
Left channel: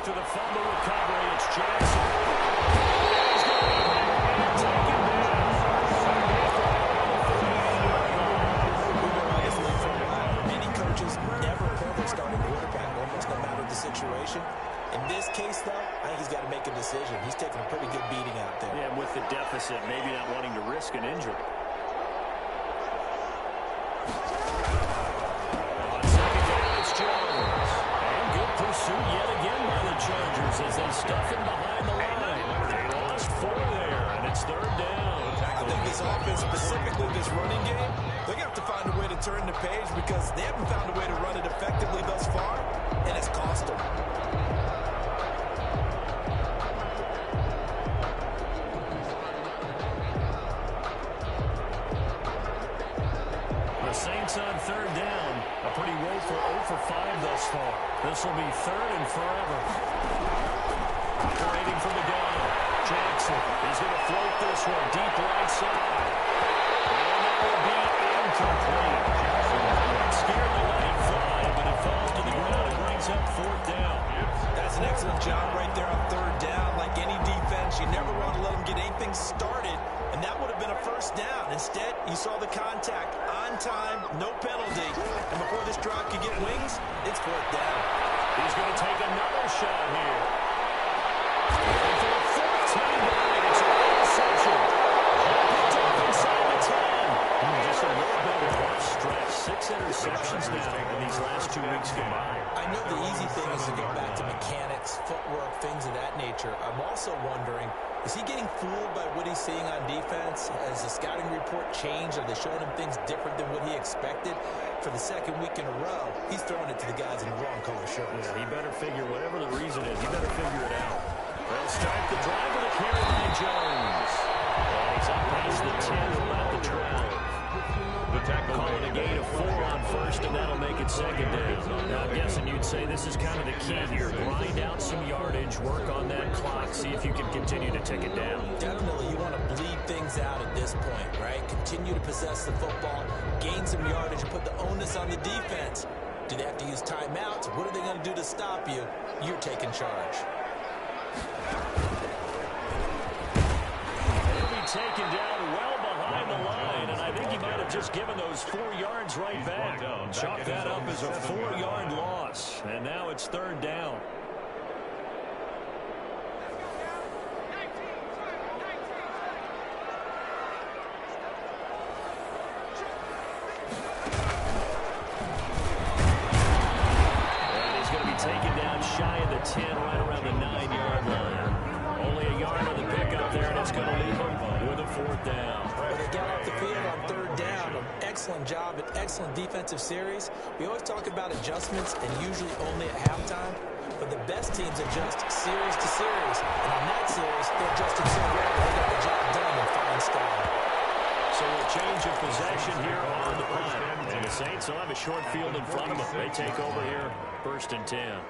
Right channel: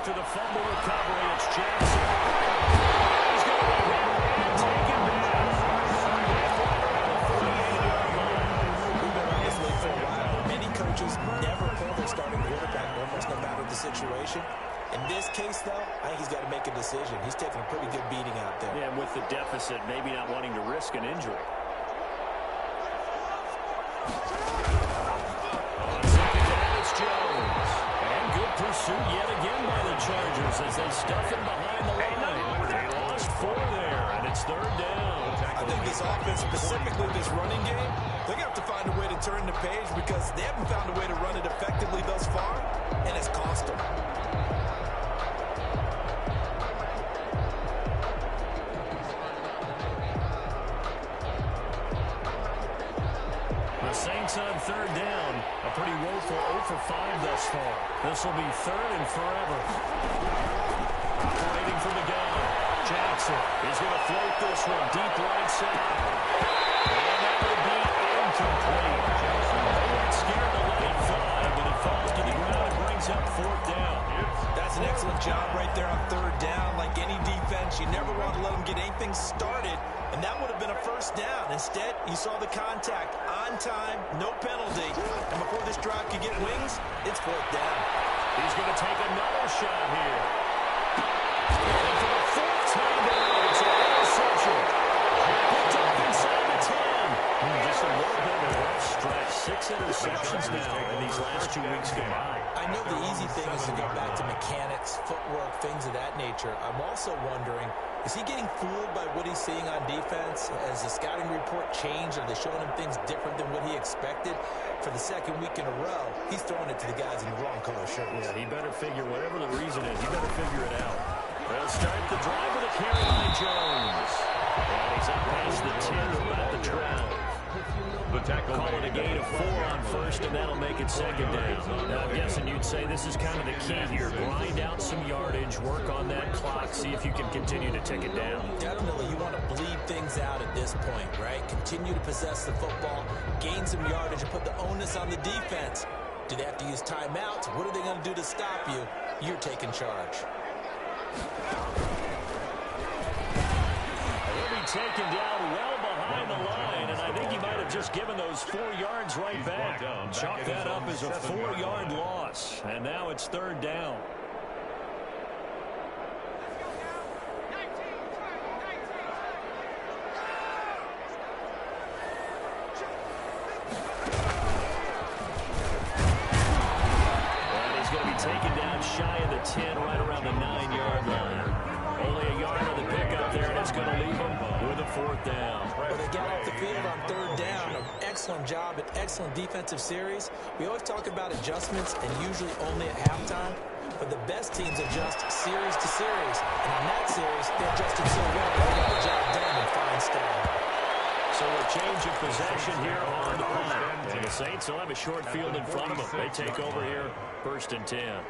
After the fumble recovery, it's Jackson. And he's going to be hit and taken down. Right around the 48-yard line. We've been around this league for a while. Many coaches never pull their starting quarterback, almost no matter the situation. In this case, though, I think he's got to make a decision. He's taking a pretty good beating out there. Yeah, and with the deficit, maybe not wanting to risk an injury. On second down, it's Jones. And good pursuit yet again by the Chargers as they stuff him behind the line. They lost 4 there, and it's third down. I think this offense, specifically this running game, they're going to have to find a way to turn the page because they haven't found a way to run it effectively thus far, and it's cost them. The Saints on third down. A pretty woeful 0 for 5 thus far. This will be third and forever. Operating from the gun. Jackson is going to float this one deep right side. And that will be incomplete. They weren't scared to let it fly, but it falls to the ground and brings up fourth down. That's an excellent job right there on third down. Like any defense, you never want to let them get anything started, and that would have been a first down. Instead, you saw the contact on time, no penalty, and before this drive could get wings, it's fourth down. He's going to take another shot here. And for the 4th time tonight, it's an interception. Picked off inside the 10. Just a little bit of a rough stretch. 6 interceptions now in these last 2 weeks combined. I know the easy thing is to go back to mechanics, footwork, things of that nature. I'm also wondering, is he getting fooled by what he's seeing on defense? Has the scouting report changed? Are they showing him things different than what he expected? For the second week in a row, he's throwing it to the guys in the wrong color shirts. Yeah, he better figure, whatever the reason is, he better figure it out. They'll start the drive with a carry by Jones. And he's up past the 10 to about the 12. The tackle Calling a gain of 4 on first, and that'll make it second down. Now, I'm guessing you'd say this is kind of the key here. Grind out some yardage, work on that clock, see if you can continue to tick it down. Definitely, you want to bleed things out at this point, right? Continue to possess the football, gain some yardage, and put the onus on the defense. Do they have to use timeouts? What are they going to do to stop you? You're taking charge. He'll be taken down well behind the line, and I think he might have just given those 4 yards right back. Chalk that up as a 4-yard loss, and now it's third down. And he's going to be taken down shy of the 10, right around the 9-yard line. Only a yard on the pickup there, and it's going to leave him with a fourth down. Well, they got off the field on third down. An excellent job, an excellent defensive series. We always talk about adjustments, and usually only at halftime. But the best teams adjust series to series. And on that series, they adjusted so well that they got the job done in fine style. So a change of possession here on the punt. And the Saints will have a short field in front of them. They take over here, 1st and 10.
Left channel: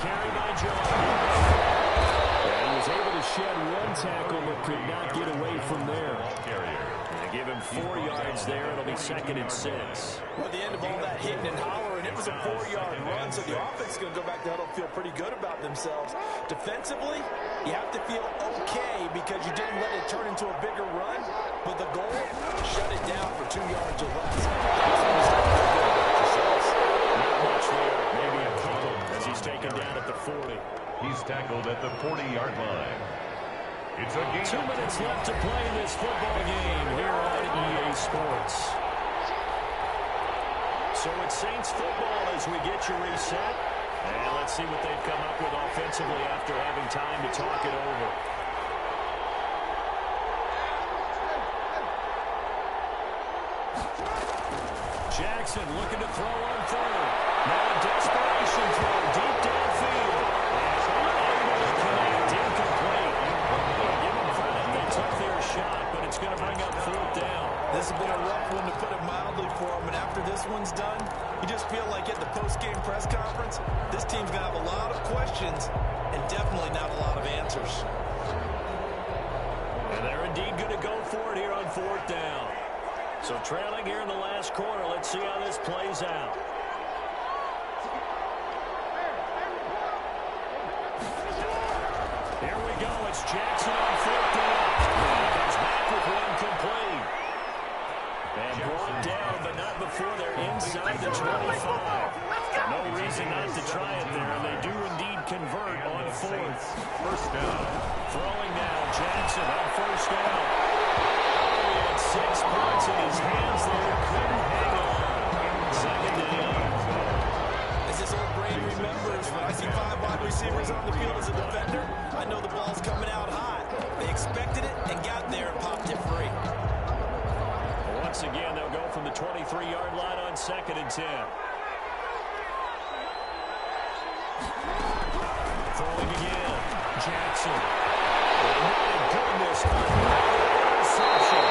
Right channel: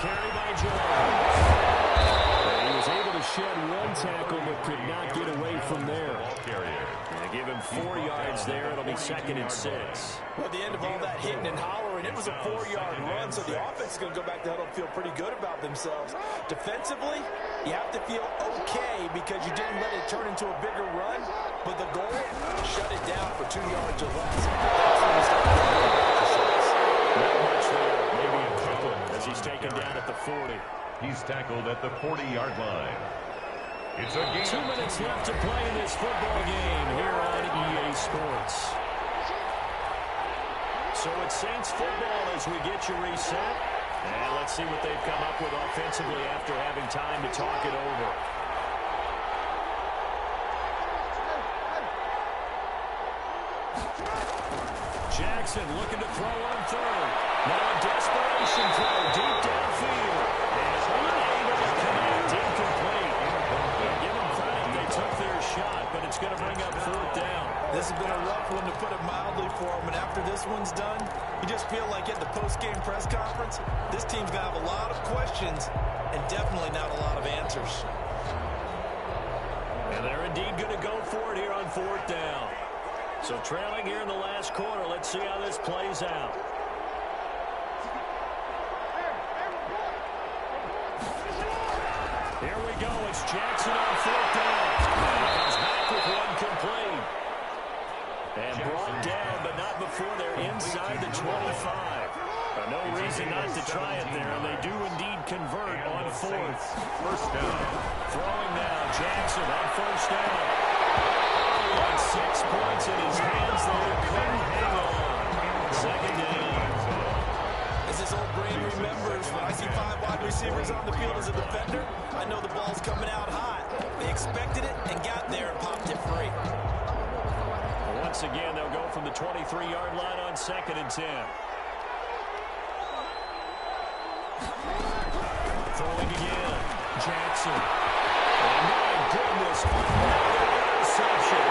Carry by Jones. And he was able to shed 1 tackle but could not get away from there. And give him 4 yards there. It'll be 2nd and 6. Well, at the end of all that hitting and hollering, it was a 4-yard run, so the offense is going to go back to huddle and feel pretty good about themselves. Defensively, you have to feel okay because you didn't let it turn into a bigger run, but the goal, shut it down for 2 yards or less. That's when you start to worry about yourselves. Not much there. Maybe a couple as he's taken down at the 40. He's tackled at the 40-yard line. It's a game. 2 minutes left to play in this football game here on EA Sports. So it's Saints football as we get you reset. And let's see what they've come up with offensively after having time to talk it over. Jackson looking to throw on third. Now a desperation throw deep downfield. And unable to connect, incomplete. Well, give them credit. They took their shot, but it's going to bring up fourth down. This has been a rough one, to put it mildly, for them. And after this one's done, you just feel like at the post-game press conference, this team's going to have a lot of questions and definitely not a lot of answers. And they're indeed going to go for it here on fourth down. So trailing here in the last quarter. Let's see how this plays out. Here we go. It's Jackson on fourth down. And he comes back with one complete. And brought down, but not before they're inside the 25. No reason not to try it there, and they do indeed convert on fourth. First down. Throwing now, Jackson on first down. Oh, he had 6 points in his hands there. Couldn't hang on. Second down. As this old brain remembers, when I see 5 wide receivers on the field as a defender, I know the ball's coming out hot. They expected it and got there and popped it free. Once again, they'll go from the 23-yard line on 2nd and 10. Throwing again. Jackson. And my goodness, another interception.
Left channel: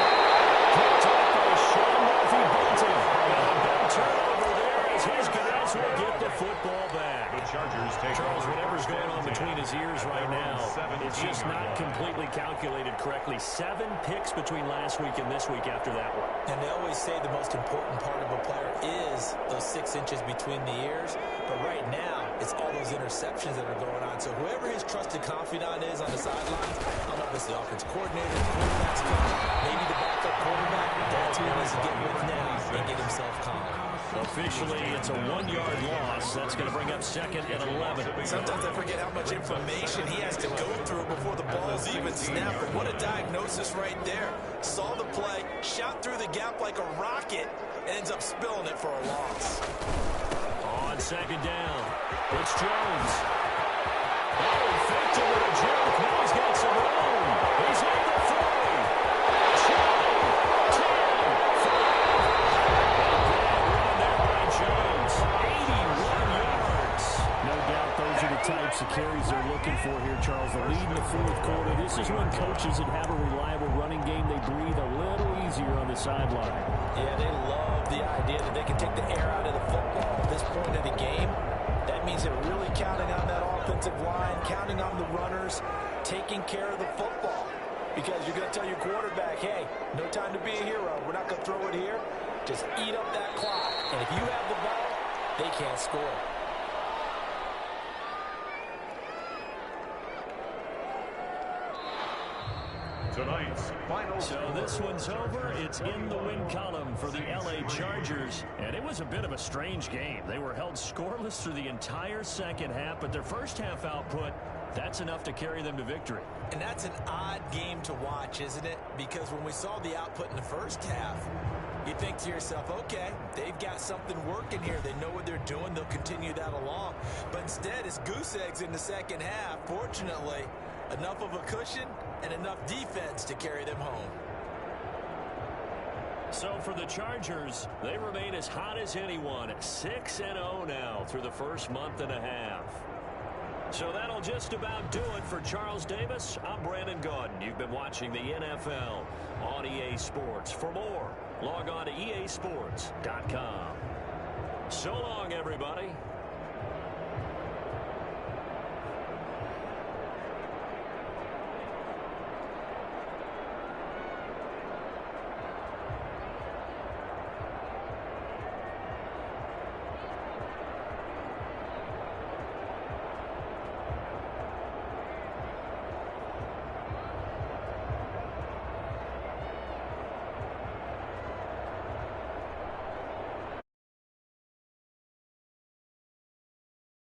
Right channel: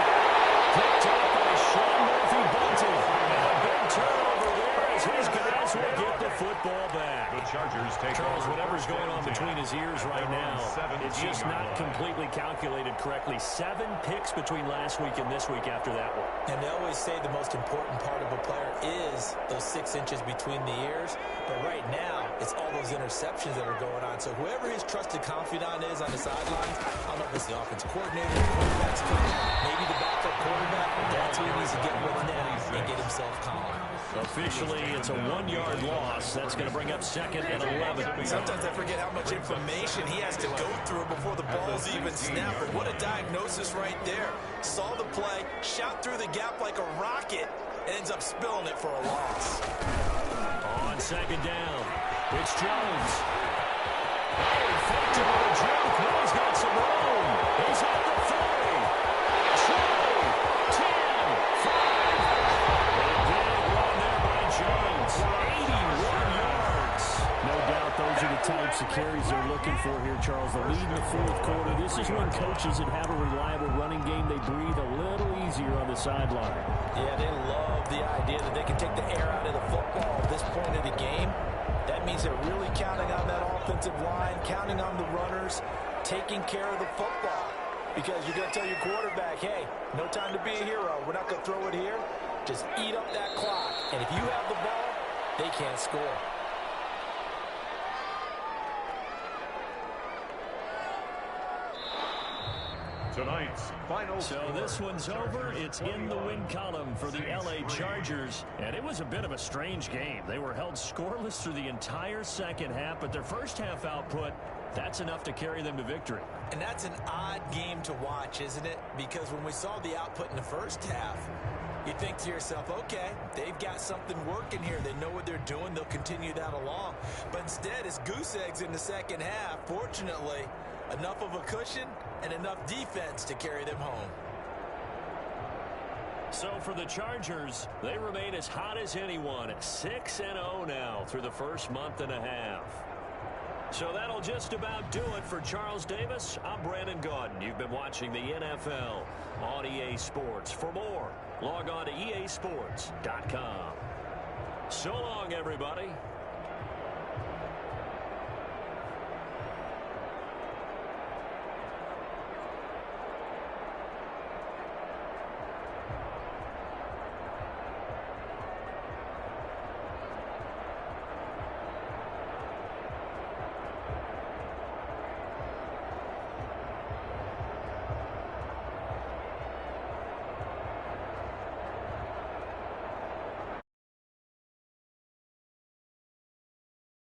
Picked up by Sean Murphy-Bunting. And a big turnover there as his guys will get the football back. The Chargers take Charles, over whatever's first going on and 10 between his ears at right their own now, it's just 17-yard not line. completely calculated correctly. 7 picks between last week and this week after that one. And they always say the most important part of a player is those 6 inches between the ears. But right now, it's all those interceptions that are going on. So whoever his trusted confidant is on the sidelines, I don't know if it's the offense coordinator, the quarterback's coach, maybe the backup quarterback, that's who he needs to get with now and get himself calm. Officially, it's a 1-yard loss. That's going to bring up 2nd and 11. Sometimes I forget how much information he has to go through before the ball's even snapped. But what a diagnosis right there. Saw the play, shot through the gap like a rocket, and ends up spilling it for a loss. On 2nd down, it's Jones. Oh, he faked it with a joke. Now he's got some room. He's at the 40. 20, 10, 5. A big run there by Jones. 81 yards. No doubt those are the types of carries they're looking for here, Charles. The lead in the fourth quarter. This is when coaches that have a reliable running game, they breathe a little easier on the sideline. Yeah, they love the idea that they can take the air out of the football at this point of the game. That means they're really counting on that offensive line, counting on the runners, taking care of the football. Because you're going to tell your quarterback, hey, no time to be a hero. We're not going to throw it here. Just eat up that clock. And if you have the ball, they can't score. Tonight's final So score. this one's over. It's in the win column for the LA Chargers. And it was a bit of a strange game. They were held scoreless through the entire second half, but their first half output, that's enough to carry them to victory. And that's an odd game to watch, isn't it? Because when we saw the output in the first half, you think to yourself, okay, they've got something working here. They know what they're doing. They'll continue that along. But instead, it's goose eggs in the second half. Fortunately, enough of a cushion and enough defense to carry them home. So for the Chargers, they remain as hot as anyone. 6-0 now through the first month and a half. So that'll just about do it for Charles Davis. I'm Brandon Gaudin. You've been watching the NFL on EA Sports. For more, log on to easports.com. So long, everybody.